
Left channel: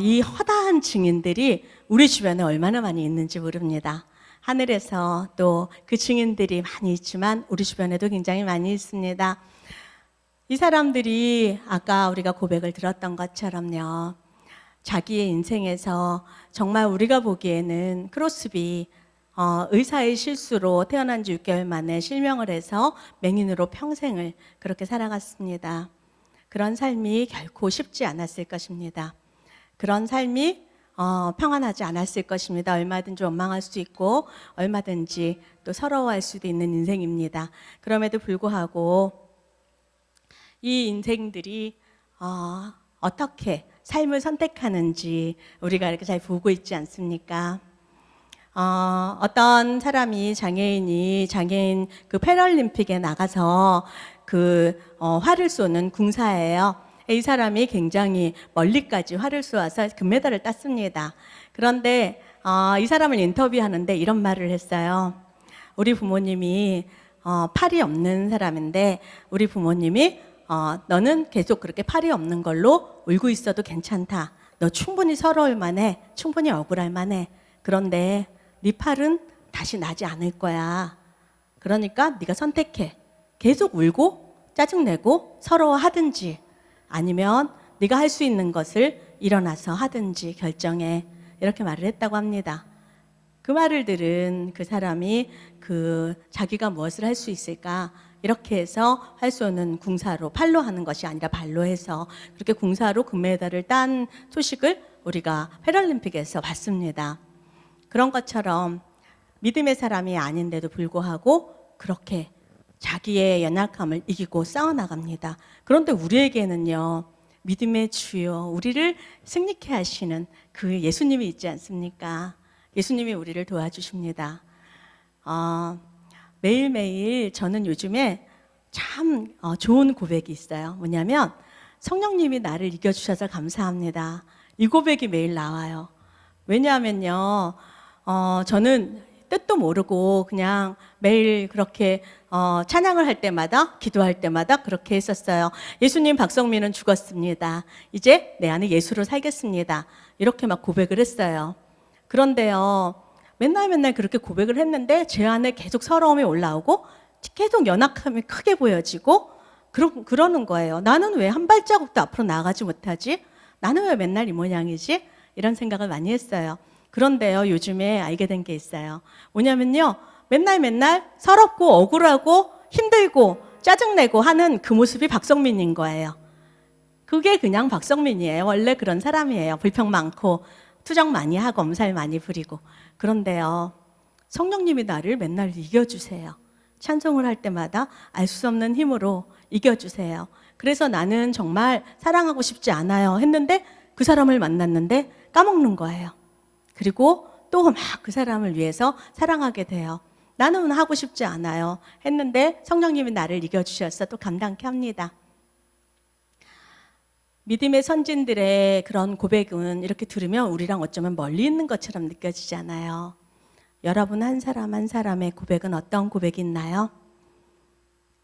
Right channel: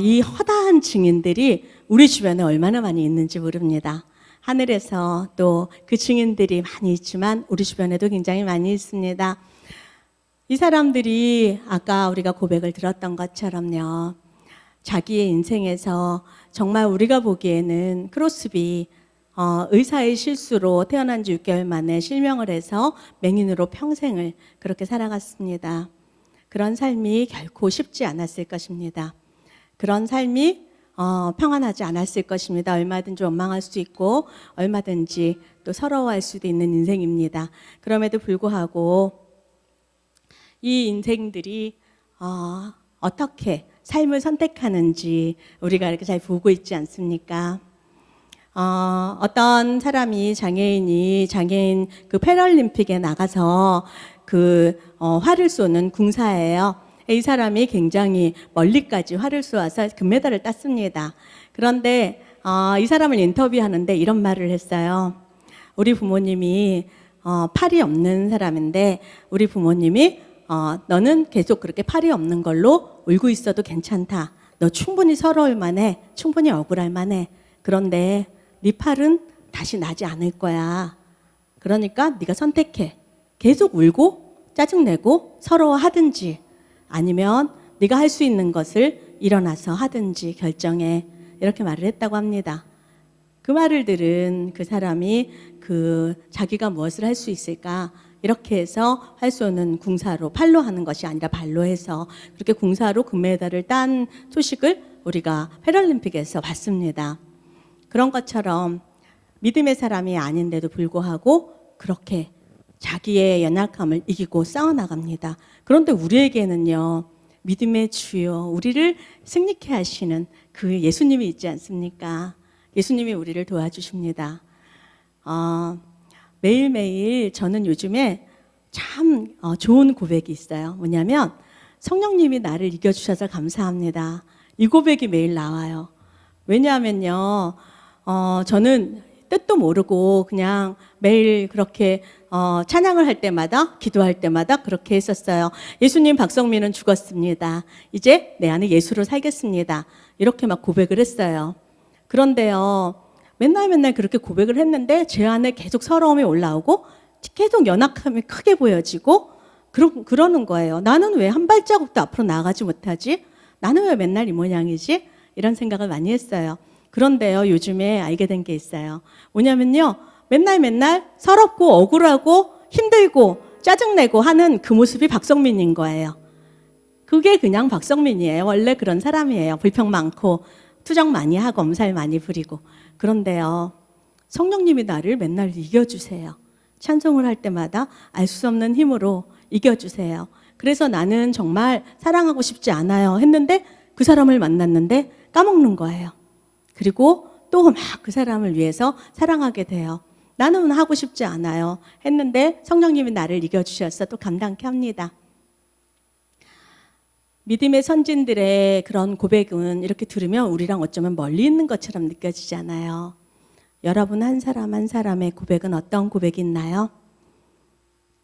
이 허다한 증인들이 우리 주변에 얼마나 많이 있는지 모릅니다. 하늘에서 또 그 증인들이 많이 있지만 우리 주변에도 굉장히 많이 있습니다. 이 사람들이 아까 우리가 고백을 들었던 것처럼요. 자기의 인생에서 정말 우리가 보기에는 크로스비 의사의 실수로 태어난 지 6개월 만에 실명을 해서 맹인으로 평생을 그렇게 살아갔습니다. 그런 삶이 결코 쉽지 않았을 것입니다. 그런 삶이 평안하지 않았을 것입니다. 얼마든지 원망할 수 있고 얼마든지 또 서러워할 수도 있는 인생입니다. 그럼에도 불구하고 이 인생들이 어떻게 삶을 선택하는지 우리가 이렇게 잘 보고 있지 않습니까? 어떤 사람이 장애인 그 패럴림픽에 나가서 활을 쏘는 궁사예요. 이 사람이 굉장히 멀리까지 활을 쏘아서 금메달을 땄습니다. 그런데 이 사람을 인터뷰하는데 이런 말을 했어요. 우리 부모님이 팔이 없는 사람인데 우리 부모님이 너는 계속 그렇게 팔이 없는 걸로 울고 있어도 괜찮다. 너 충분히 서러울 만해. 충분히 억울할 만해. 그런데 네 팔은 다시 나지 않을 거야. 그러니까 네가 선택해. 계속 울고 짜증내고 서러워하든지 아니면 네가 할 수 있는 것을 일어나서 하든지 결정해. 이렇게 말을 했다고 합니다. 그 말을 들은 그 사람이 자기가 무엇을 할 수 있을까? 이렇게 해서 활 쏘는 궁사로 팔로 하는 것이 아니라 발로 해서 그렇게 궁사로 금메달을 딴 소식을 우리가 패럴림픽에서 봤습니다. 그런 것처럼 믿음의 사람이 아닌데도 불구하고 그렇게 자기의 연약함을 이기고 싸워나갑니다. 그런데 우리에게는요, 믿음의 주요, 우리를 승리케 하시는 그 예수님이 있지 않습니까? 예수님이 우리를 도와주십니다. 매일매일 저는 요즘에 참 좋은 고백이 있어요. 뭐냐면 성령님이 나를 이겨주셔서 감사합니다. 이 고백이 매일 나와요. 왜냐하면요, 저는 뜻도 모르고 그냥 매일 그렇게 찬양을 할 때마다 기도할 때마다 그렇게 했었어요. 예수님, 박성민은 죽었습니다. 이제 내 안에 예수로 살겠습니다. 이렇게 막 고백을 했어요. 그런데요, 맨날 그렇게 고백을 했는데 제 안에 계속 서러움이 올라오고 계속 연약함이 크게 보여지고 그러는 거예요. 나는 왜 한 발자국도 앞으로 나아가지 못하지? 나는 왜 맨날 이 모양이지? 이런 생각을 많이 했어요. 그런데요, 요즘에 알게 된 게 있어요. 뭐냐면요, 맨날 서럽고 억울하고 힘들고 짜증내고 하는 그 모습이 박성민인 거예요. 그게 그냥 박성민이에요. 원래 그런 사람이에요. 불평 많고 투정 많이 하고 엄살 많이 부리고. 그런데요, 성령님이 나를 맨날 이겨주세요. 찬송을 할 때마다 알 수 없는 힘으로 이겨주세요. 그래서 나는 정말 사랑하고 싶지 않아요 했는데 그 사람을 만났는데 까먹는 거예요. 그리고 또 막 그 사람을 위해서 사랑하게 돼요. 나는 하고 싶지 않아요 했는데 성령님이 나를 이겨주셔서 또 감당케 합니다. 믿음의 선진들의 그런 고백은 이렇게 들으면 우리랑 어쩌면 멀리 있는 것처럼 느껴지잖아요. 여러분 한 사람 한 사람의 고백은 어떤 고백이 있나요?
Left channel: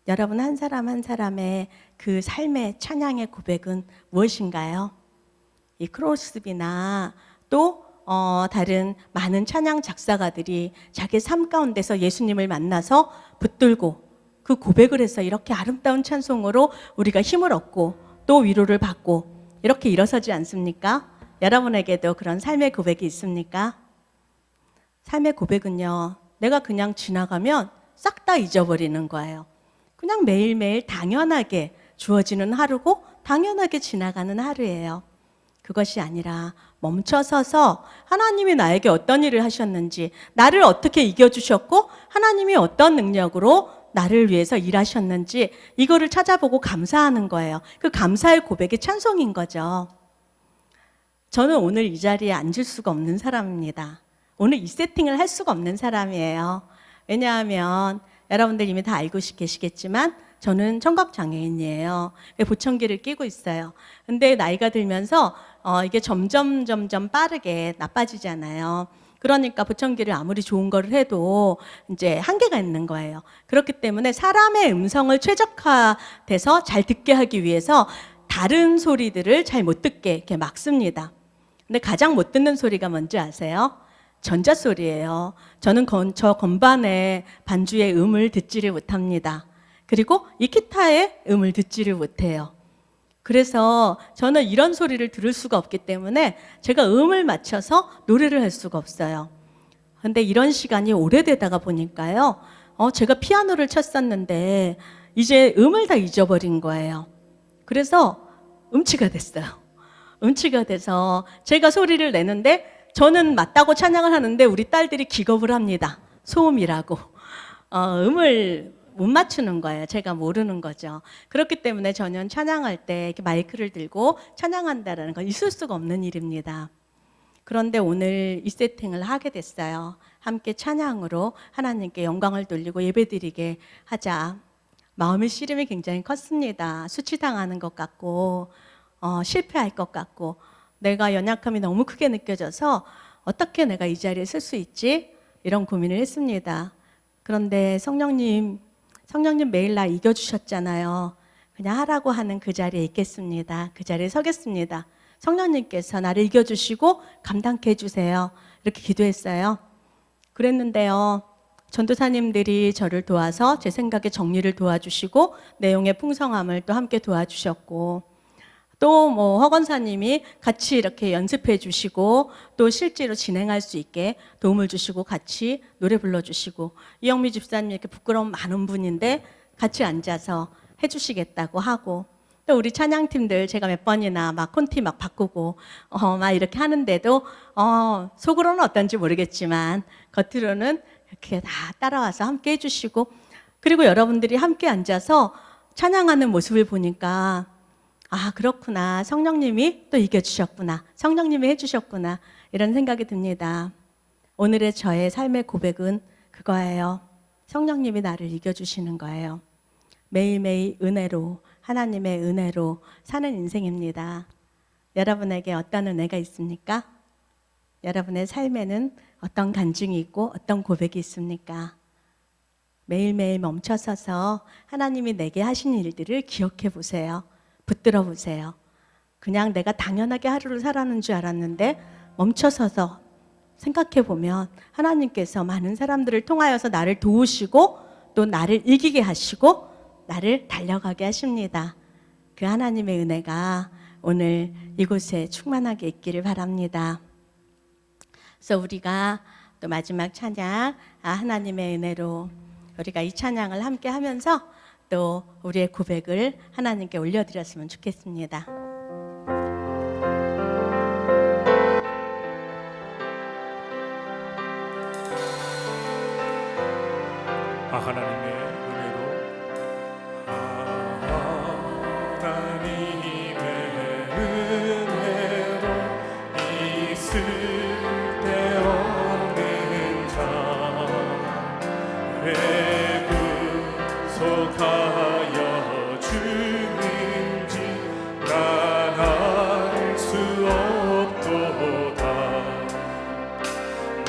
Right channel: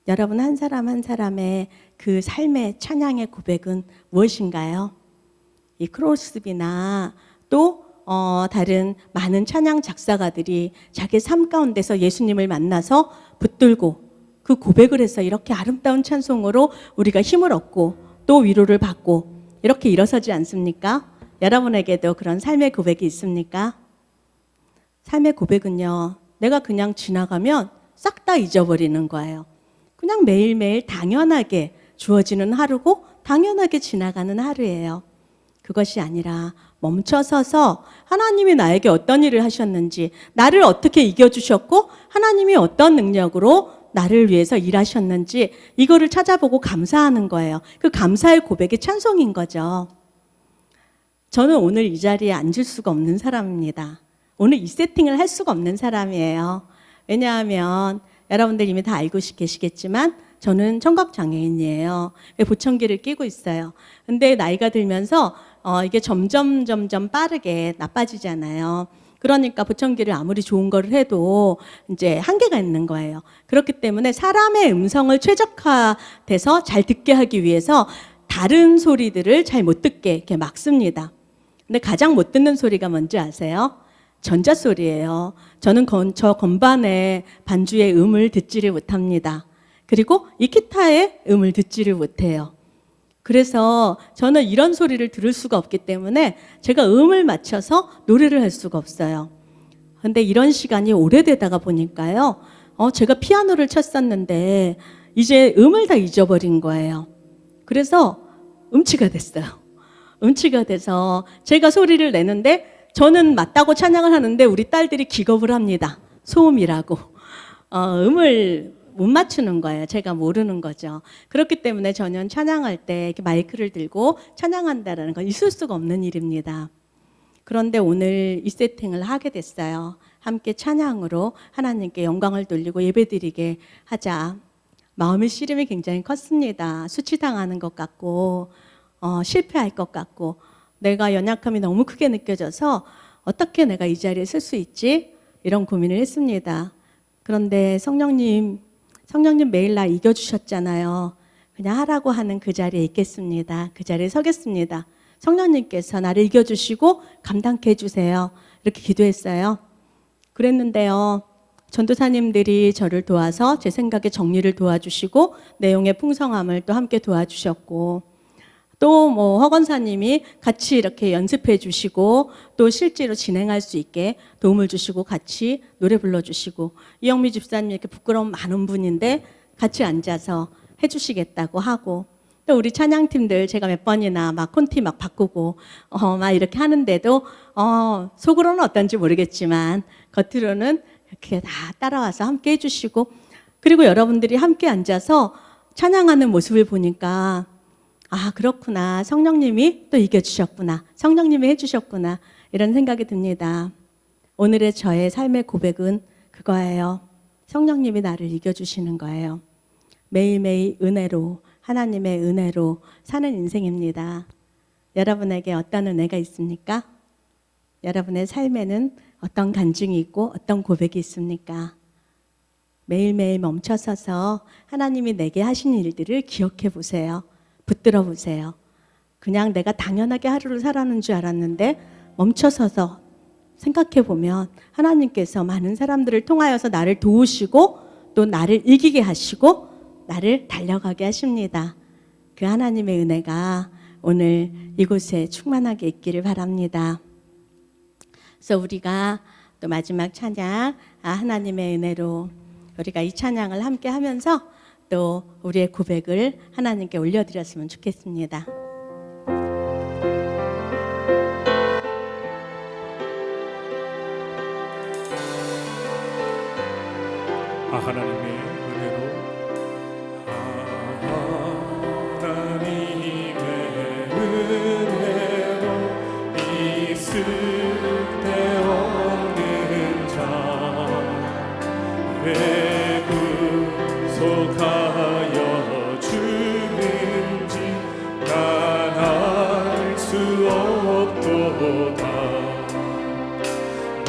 여러분 한 사람 한 사람의 그 삶의 찬양의 고백은 무엇인가요? 이 크로스비나 또 다른 많은 찬양 작사가들이 자기 삶 가운데서 예수님을 만나서 붙들고 그 고백을 해서 이렇게 아름다운 찬송으로 우리가 힘을 얻고 또 위로를 받고 이렇게 일어서지 않습니까? 여러분에게도 그런 삶의 고백이 있습니까? 삶의 고백은요, 내가 그냥 지나가면 싹 다 잊어버리는 거예요. 그냥 매일매일 당연하게 주어지는 하루고 당연하게 지나가는 하루예요. 그것이 아니라 멈춰서서 하나님이 나에게 어떤 일을 하셨는지, 나를 어떻게 이겨주셨고 하나님이 어떤 능력으로 나를 위해서 일하셨는지 이거를 찾아보고 감사하는 거예요. 그 감사의 고백이 찬송인 거죠. 저는 오늘 이 자리에 앉을 수가 없는 사람입니다. 오늘 이 세팅을 할 수가 없는 사람이에요. 왜냐하면 여러분들 이미 다 알고 계시겠지만 저는 청각장애인이에요. 보청기를 끼고 있어요. 근데 나이가 들면서 이게 점점 빠르게 나빠지잖아요. 그러니까 보청기를 아무리 좋은 거를 해도 이제 한계가 있는 거예요. 그렇기 때문에 사람의 음성을 최적화돼서 잘 듣게 하기 위해서 다른 소리들을 잘 못 듣게 이렇게 막습니다. 근데 가장 못 듣는 소리가 뭔지 아세요? 전자소리예요. 저는 저 건반의 반주의 음을 듣지를 못합니다. 그리고 이 기타의 음을 듣지를 못해요. 그래서 저는 이런 소리를 들을 수가 없기 때문에 제가 음을 맞춰서 노래를 할 수가 없어요. 근데 이런 시간이 오래되다가 보니까요. 제가 피아노를 쳤었는데 이제 음을 다 잊어버린 거예요. 그래서 음치가 됐어요. 음치가 돼서 제가 소리를 내는데 저는 맞다고 찬양을 하는데 우리 딸들이 기겁을 합니다. 소음이라고. 음을 못 맞추는 거예요. 제가 모르는 거죠. 그렇기 때문에 저는 찬양할 때 이렇게 마이크를 들고 찬양한다는 건 있을 수가 없는 일입니다. 그런데 오늘 이 세팅을 하게 됐어요. 함께 찬양으로 하나님께 영광을 돌리고 예배드리게 하자. 마음의 씨름이 굉장히 컸습니다. 수치당하는 것 같고 실패할 것 같고 내가 연약함이 너무 크게 느껴져서 어떻게 내가 이 자리에 설 수 있지? 이런 고민을 했습니다. 그런데 성령님 매일 나 이겨주셨잖아요. 그냥 하라고 하는 그 자리에 있겠습니다. 그 자리에 서겠습니다. 성령님께서 나를 이겨주시고 감당케 해주세요. 이렇게 기도했어요. 그랬는데요. 전도사님들이 저를 도와서 제 생각의 정리를 도와주시고 내용의 풍성함을 또 함께 도와주셨고 또 허건사님이 같이 이렇게 연습해 주시고 또 실제로 진행할 수 있게 도움을 주시고 같이 노래 불러주시고 이영미 집사님 이렇게 부끄러움 많은 분인데 같이 앉아서 해주시겠다고 하고 또 우리 찬양팀들 제가 몇 번이나 막 콘티 막 바꾸고 막 이렇게 하는데도 속으로는 어떤지 모르겠지만 겉으로는 이렇게 다 따라와서 함께 해주시고 그리고 여러분들이 함께 앉아서 찬양하는 모습을 보니까 아 그렇구나 성령님이 또 이겨주셨구나 성령님이 해주셨구나 이런 생각이 듭니다. 오늘의 저의 삶의 고백은 그거예요. 성령님이 나를 이겨주시는 거예요. 매일매일 은혜로 하나님의 은혜로 사는 인생입니다. 여러분에게 어떤 은혜가 있습니까? 여러분의 삶에는 어떤 간증이 있고 어떤 고백이 있습니까? 매일매일 멈춰서서 하나님이 내게 하신 일들을 기억해 보세요. 붙들어 보세요. 그냥 내가 당연하게 하루를 살아는 줄 알았는데 멈춰서서 생각해 보면 하나님께서 많은 사람들을 통하여서 나를 도우시고 또 나를 이기게 하시고 나를 달려가게 하십니다. 그 하나님의 은혜가 오늘 이곳에 충만하게 있기를 바랍니다. 그래서 우리가 또 마지막 찬양 하나님의 은혜로 우리가 이 찬양을 함께 하면서 또 우리의 고백을 하나님께 올려드렸으면 좋겠습니다. 하나님의 은혜로 있을 때 없는 자 왜 구속하여 주는지 난 알 수 없도다.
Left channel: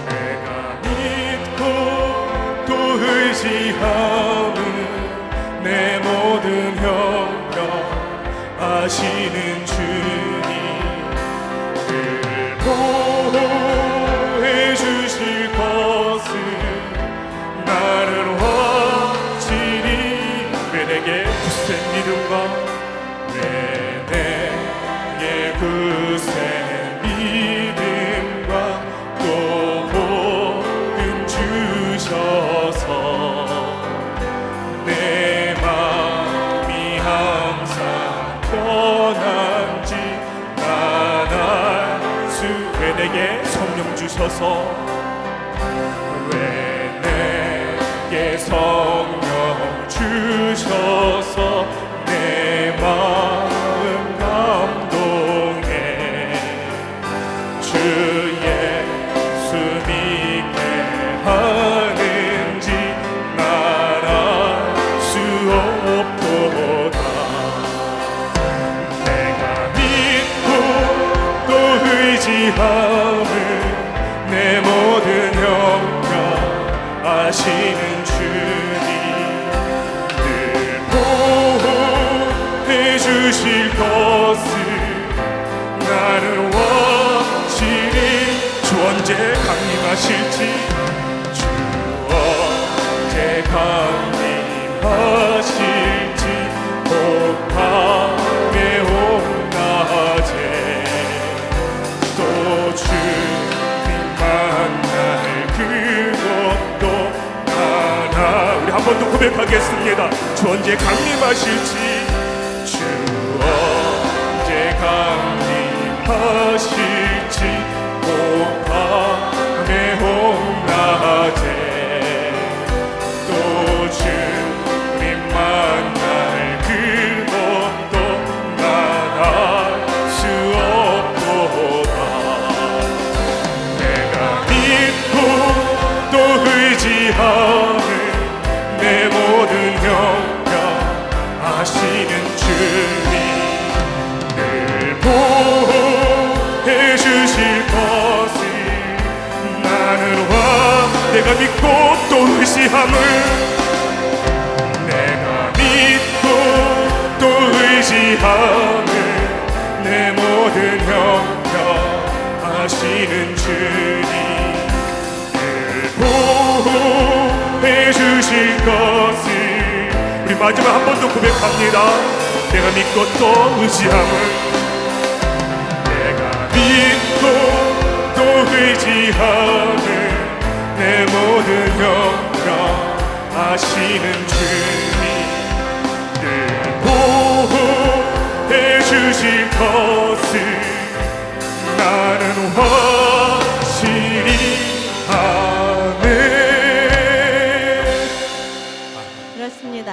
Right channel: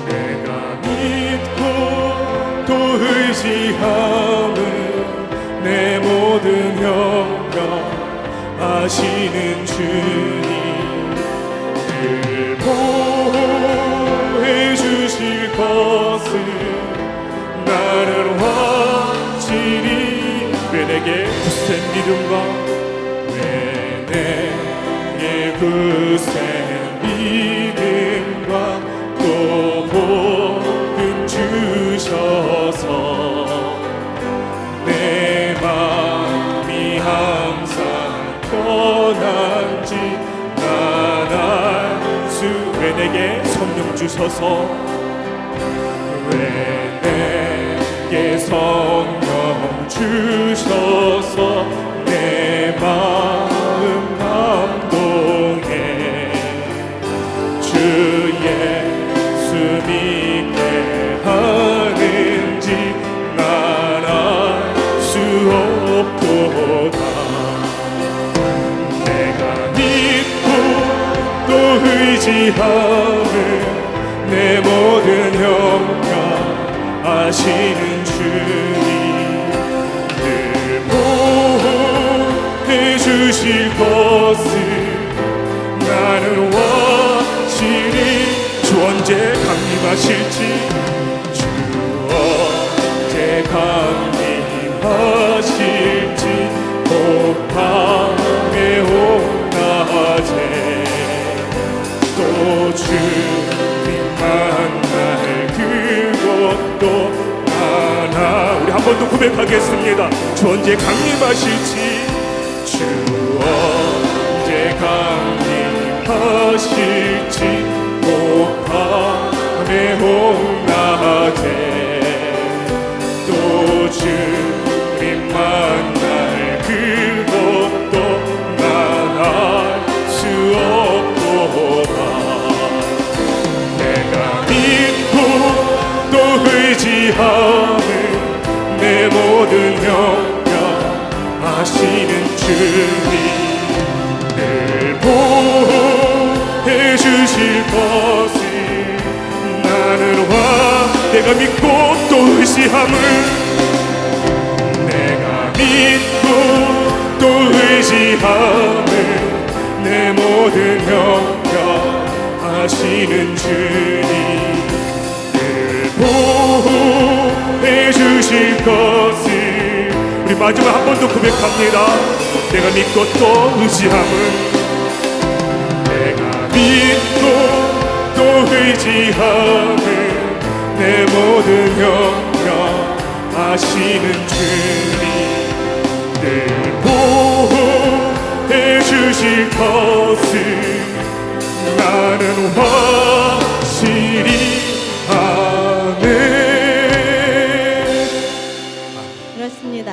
내가 믿고 또 의지함은 내 모든 영역 아시는 주님 늘 보호해 주실 것을 나는 확실히 왜 내게 굳센 믿음과 왜 내게 굳센 믿음과 또 복음 주셔서 내 마음이 항상 편한지 난 알 수 왜 내게 성령 주셔서 왜 내게 성령 주셔서 내 마음 감동해 의지함을 내 모든 형편 아시는 주님 늘 보호해 주실 것을 나는 확실히 주 언제 강림하실지 주 언제 강림하실지 복함에 온낮에 또 주님 만날 그것도 하나 우리 한 번 더 고백하겠습니다. 주 언제 강림하실지 주 언제 강림하실지 복함에 온낮에 또 주님 만날 그것도 난 알 수 없도다. 내가 믿고 또 의지함을 내 모든 형편 아시는 주님 늘 보호해 주실 것을 나는 내가 믿고 또 의지함을 내가 믿고 또 의지함을 내 모든 형편 아시는 주님 늘 보호해 주실 것을 우리 마지막 한 번 더 고백합니다. 내가 믿고 또 의지함을 내가 믿고 또 의지함을 내 모든 형편 아시는 주님 늘 보호해 주실 것을 나는 확실히 아멘. 그렇습니다.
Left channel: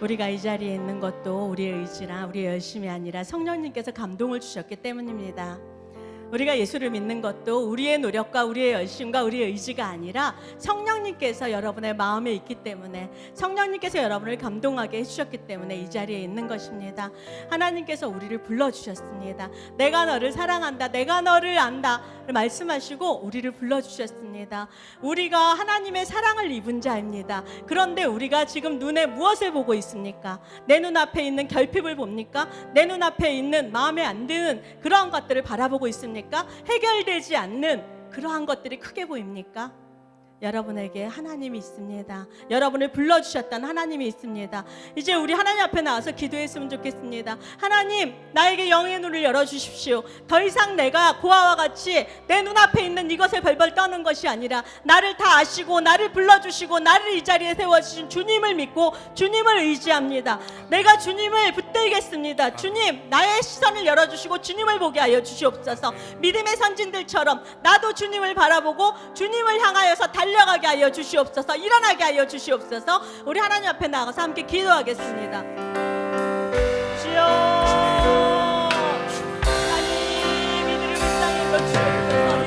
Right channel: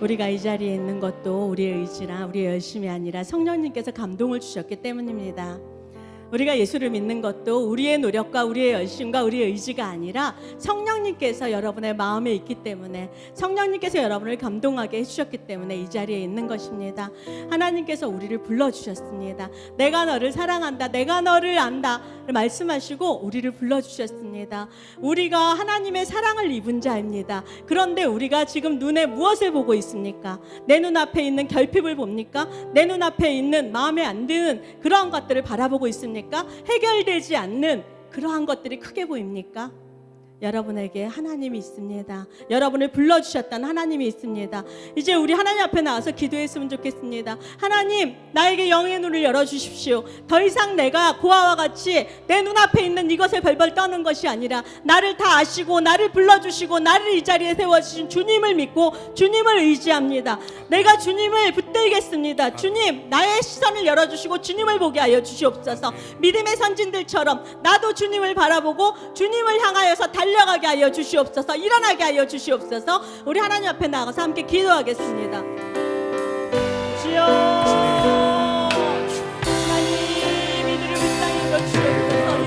우리가 이 자리에 있는 것도 우리의 의지나 우리의 열심이 아니라 성령님께서 감동을 주셨기 때문입니다. 우리가 예수를 믿는 것도 우리의 노력과 우리의 열심과 우리의 의지가 아니라 성령님께서 여러분의 마음에 있기 때문에 성령님께서 여러분을 감동하게 해주셨기 때문에 이 자리에 있는 것입니다. 하나님께서 우리를 불러주셨습니다. 내가 너를 사랑한다, 내가 너를 안다 말씀하시고 우리를 불러주셨습니다. 우리가 하나님의 사랑을 입은 자입니다. 그런데 우리가 지금 눈에 무엇을 보고 있습니까? 내 눈앞에 있는 결핍을 봅니까? 내 눈앞에 있는 마음에 안 드는 그러한 것들을 바라보고 있습니까? 해결되지 않는 그러한 것들이 크게 보입니까? 여러분에게 하나님이 있습니다. 여러분을 불러주셨던 하나님이 있습니다. 이제 우리 하나님 앞에 나와서 기도했으면 좋겠습니다. 하나님, 나에게 영의 눈을 열어주십시오. 더 이상 내가 고아와 같이 내 눈앞에 있는 이것을 벌벌 떠는 것이 아니라 나를 다 아시고 나를 불러주시고 나를 이 자리에 세워주신 주님을 믿고 주님을 의지합니다. 내가 주님을 붙들겠습니다. 주님, 나의 시선을 열어주시고 주님을 보게 하여 주시옵소서. 믿음의 선진들처럼 나도 주님을 바라보고 주님을 향하여서 달려가게 하여 주시옵소서. 일어나게 하여 주시옵소서. 우리 하나님 앞에 나가서 함께 기도하겠습니다. 주여, 하나님 이들을 붙잡는 것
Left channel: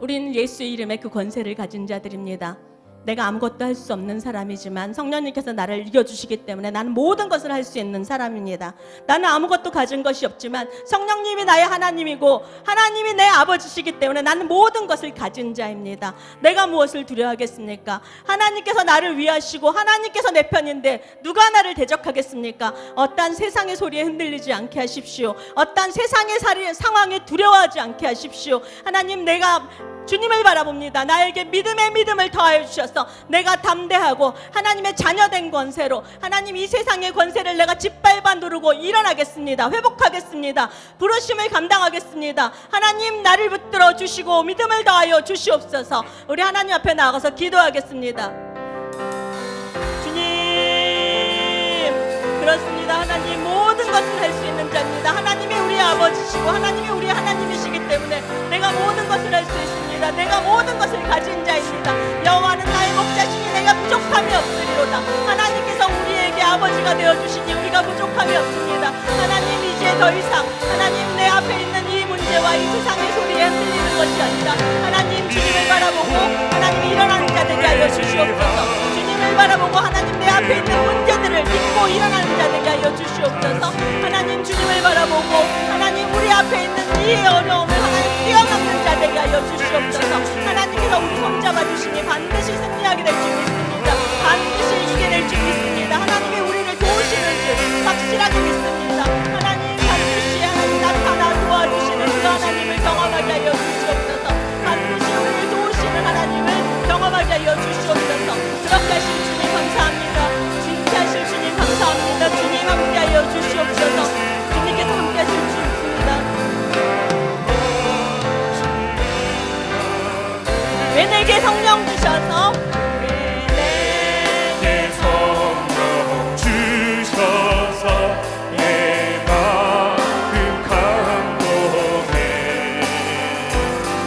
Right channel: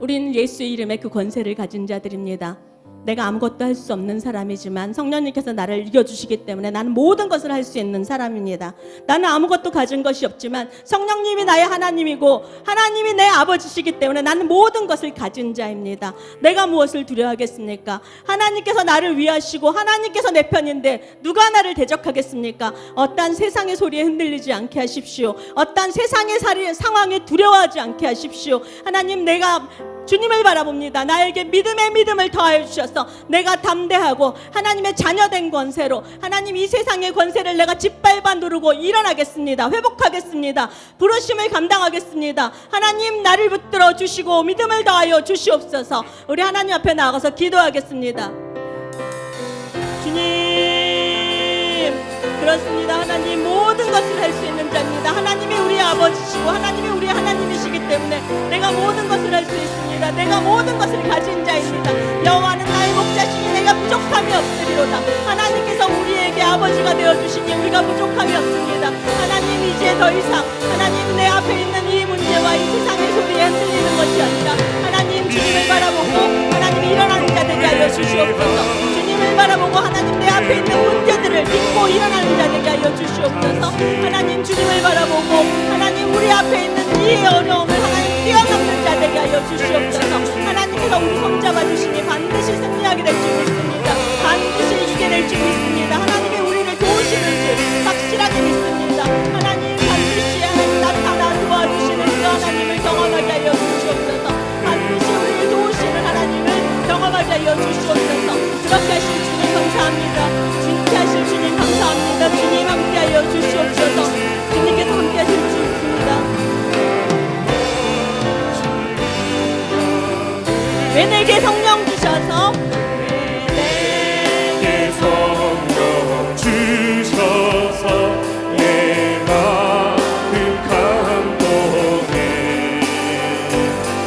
우린 예수의 이름에 그 권세를 가진 자들입니다. 내가 아무것도 할 수 없는 사람이지만 성령님께서 나를 이겨주시기 때문에 나는 모든 것을 할 수 있는 사람입니다. 나는 아무것도 가진 것이 없지만 성령님이 나의 하나님이고 하나님이 내 아버지시기 때문에 나는 모든 것을 가진 자입니다. 내가 무엇을 두려워하겠습니까? 하나님께서 나를 위하시고 하나님께서 내 편인데 누가 나를 대적하겠습니까? 어떠한 세상의 소리에 흔들리지 않게 하십시오. 어떠한 세상의 상황에 두려워하지 않게 하십시오. 하나님, 내가 주님을 바라봅니다. 나에게 믿음의 믿음을 더하여 주셔서 내가 담대하고 하나님의 자녀된 권세로 하나님 이 세상의 권세를 내가 짓밟아 누르고 일어나겠습니다. 회복하겠습니다. 부르심을 감당하겠습니다. 하나님, 나를 붙들어 주시고 믿음을 더하여 주시옵소서. 우리 하나님 앞에 나가서 기도하겠습니다. 주님, 그렇습니다. 하나님, 모든 것을 할 수 있는 자입니다. 하나님이 우리 아버지시고 하나님이 우리 하나님이시기 때문에 내가 모든 것을 할 수 있습니다. 내가 모든 것을 가진 자입니다. 여호와는 나의 목자시니 내가 부족함이 없으리로다. 하나님께서 우리에게 아버지가 되어주시니 우리가 부족함이 없습니다. 하나님, 이제 더 이상 하나님 내 앞에 있는 이 문제와 이 세상의 소리에 흔들리는 것이 아니라 하나님 주님을 바라보고 하나님 일어나는 자 되게 하여 주시옵소서. 주님을 바라보고 하나님 내 앞에 있는 문제들을 딛고 일어나는 자 되게 하여 주시옵소서. 하나님, 주님을 바라보고 하나님 우리 앞에 있는 이 어려움을 하나님 뛰어넘는 자 되게 하여 주시옵소서. 하나님께서 우리 손잡아 주시니 반드시 승리하게 될 줄 믿습니다. 반드시 이기게 될 줄 믿습니다. 하나님이 우리를 도우시는 줄 확실하게 믿습니다. 하나님, 반드시 하나님 나타나 도와주시는 그 하나님을 경험하게 하여 주시옵소서. 반드시 우리를 도우시는 하나님을 경험하게 하여 주시옵소서. 그렇게 하신 주님 감사합니다. 진짜 하실 주님 감사합니다. 주님 함께하여 주시옵소서. 주님께서 함께하실 줄 믿습니다. 왜 내게 성령 주셔서 내게 성령 주셔서 내 마음 감동해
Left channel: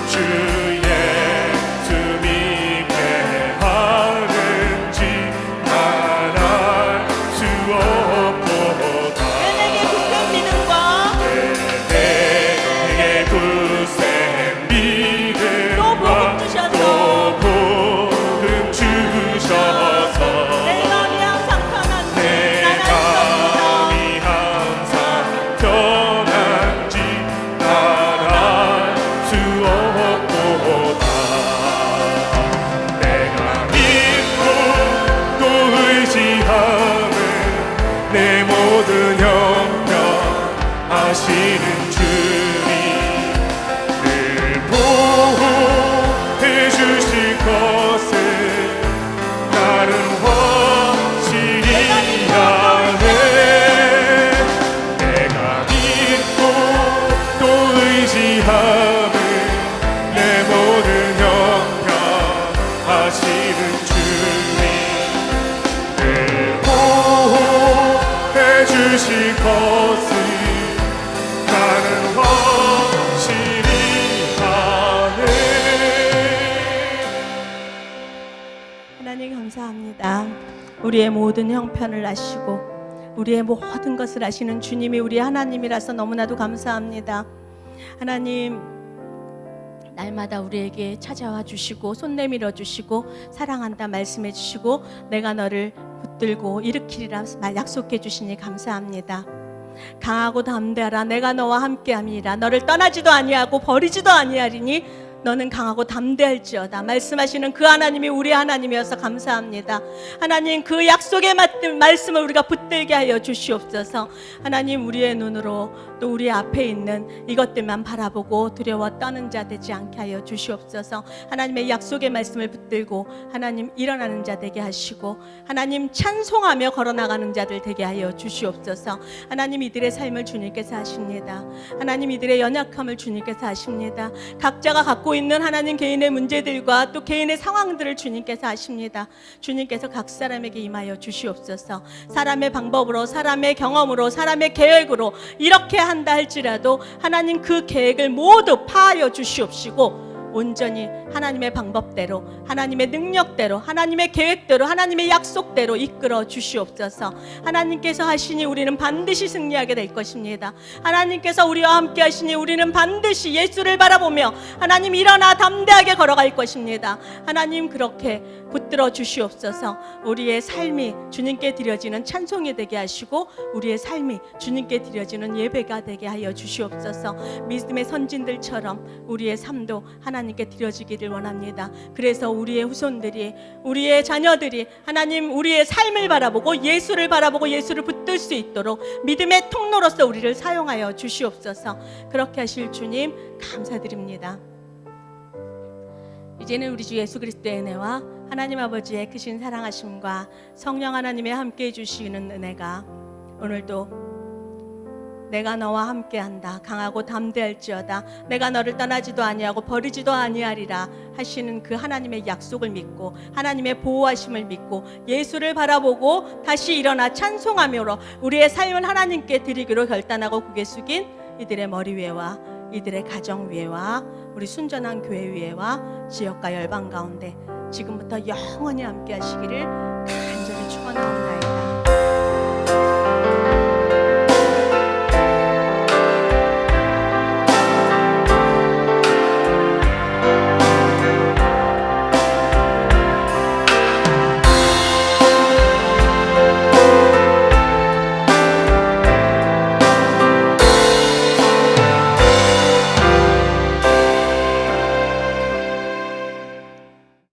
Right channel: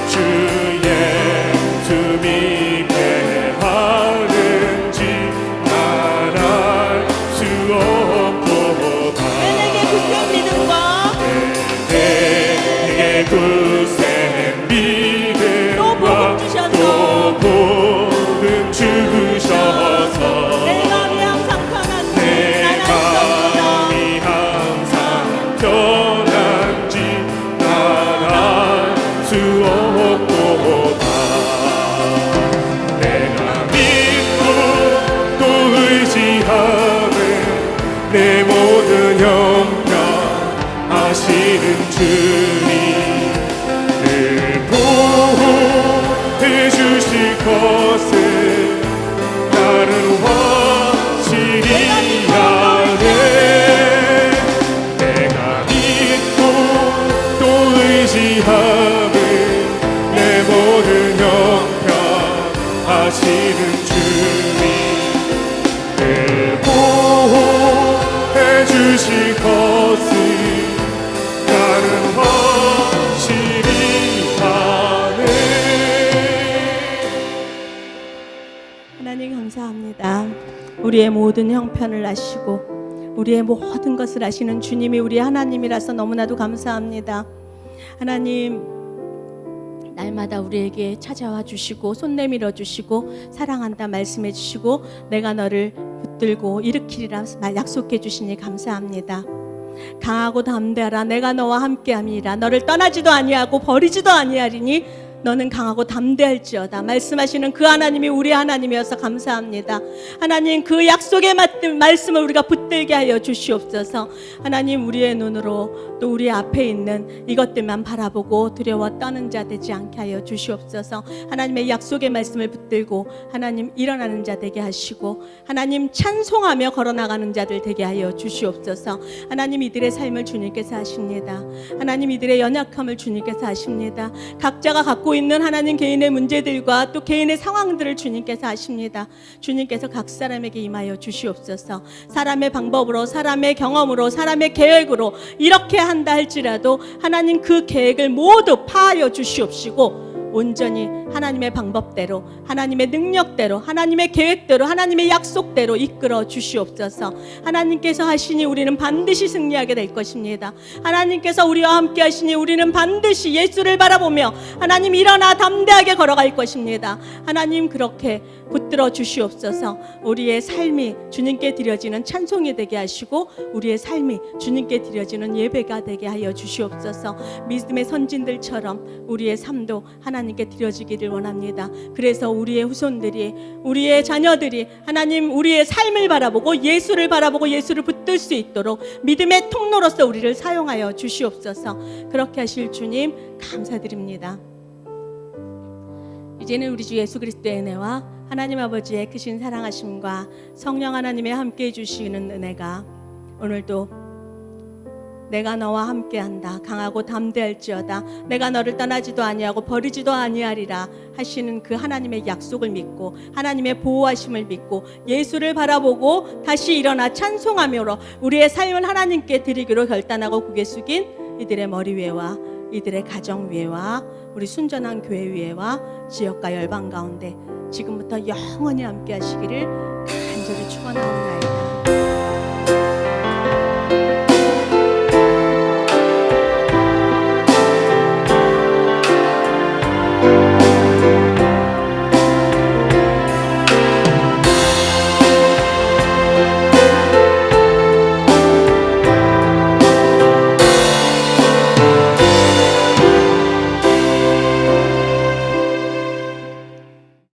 주 예수 믿게 하는지 난 알 수 없도다. 왜 내게 굳게 믿음과 내게 굳센 믿음과 또 복음 주셔서 내 마음이 항상 편한지 내 나는 마음이 항상 편한지 난 알 수 없도다. 내가 믿고 또 의지하는 내 모든 형편 아시는 주님 늘 보호해 주실 것을 나는 확실히 아네. 내가 믿고 또 의지하는 내 모든 형편 아시는 주님 늘 보호해 주실 것을 나는 확실히 아네. 하나님 감사합니다. 우리의 모든 형편을 아시고 우리의 모든 것을 아시는 주님이 우리 하나님이라서 너무나도 감사합니다. 하나님, 날마다 우리에게 찾아와 주시고 손 내밀어 주시고 사랑한다 말씀해 주시고 내가 너를 붙들고 일으키리라 약속해 주시니 감사합니다. 강하고 담대하라. 내가 너와 함께함이라. 너를 떠나지도 아니하고 버리지도 아니하리니 너는 강하고 담대할지어다. 말씀하시는 그 하나님이 우리 하나님이어서 감사합니다. 하나님, 그 약속에 맞는 말씀을 우리가 붙들게 하여 주시옵소서. 하나님, 우리의 눈으로 또 우리 앞에 있는 이것들만 바라보고 두려워 떠는 자 되지 않게 하여 주시옵소서. 하나님의 약속의 말씀을 붙들고 하나님 일어나는 자 되게 하시고 하나님 찬송하며 걸어나가는 자들 되게 하여 주시옵소서. 하나님, 이들의 삶을 주님께서 하십니다. 하나님, 이들의 연약함을 주님께서 하십니다. 각자가 갖고 있는 하나님 개인의 문제들과 또 개인의 상황들을 주님께서 아십니다. 주님께서 각 사람에게 임하여 주시옵소서. 사람의 방법으로, 사람의 경험으로, 사람의 계획으로 이렇게 한다 할지라도 하나님 그 계획을 모두 파하여 주시옵시고 온전히 하나님의 방법대로, 하나님의 능력대로, 하나님의 계획대로, 하나님의 약속대로 이끌어 주시옵소서. 하나님께서 하시니 우리는 반드시 승리하게 될 것입니다. 하나님께서 우리와 함께 하시니 우리는 반드시 예수를 바라보며 하나님 일어나 담대하게 걸어갈 것입니다. 하나님 그렇게 붙들어 주시옵소서. 우리의 삶이 주님께 드려지는 찬송이 되게 하시고 우리의 삶이 주님께 드려지는 예배가 되게 하여 주시옵소서. 믿음의 선진들처럼 우리의 삶도 하나님께 드려지기를 원합니다. 그래서 우리의 후손들이, 우리의 자녀들이 하나님 우리의 삶을 바라보고 예수를 바라보고 예수를 붙들 수 있도록 믿음의 통로로서 우리를 사용하여 주시옵소서. 그렇게 하실 주님 감사드립니다. 이제는 우리 주 예수 그리스도의 은혜와 하나님 아버지의 크신 사랑하심과 성령 하나님의 함께해 주시는 은혜가 오늘도 내가 너와 함께한다, 강하고 담대할지어다, 내가 너를 떠나지도 아니하고 버리지도 아니하리라 하시는 그 하나님의 약속을 믿고 하나님의 보호하심을 믿고 예수를 바라보고 다시 일어나 찬송하므로 우리의 삶을 하나님께 드리기로 결단하고 고개 숙인 이들의 머리 위에와 이들의 가정 위에와 우리 순전한 교회 위에와 지역과 열방 가운데 지금부터 영원히 함께 하시기를 간절히 축원하옵나이다.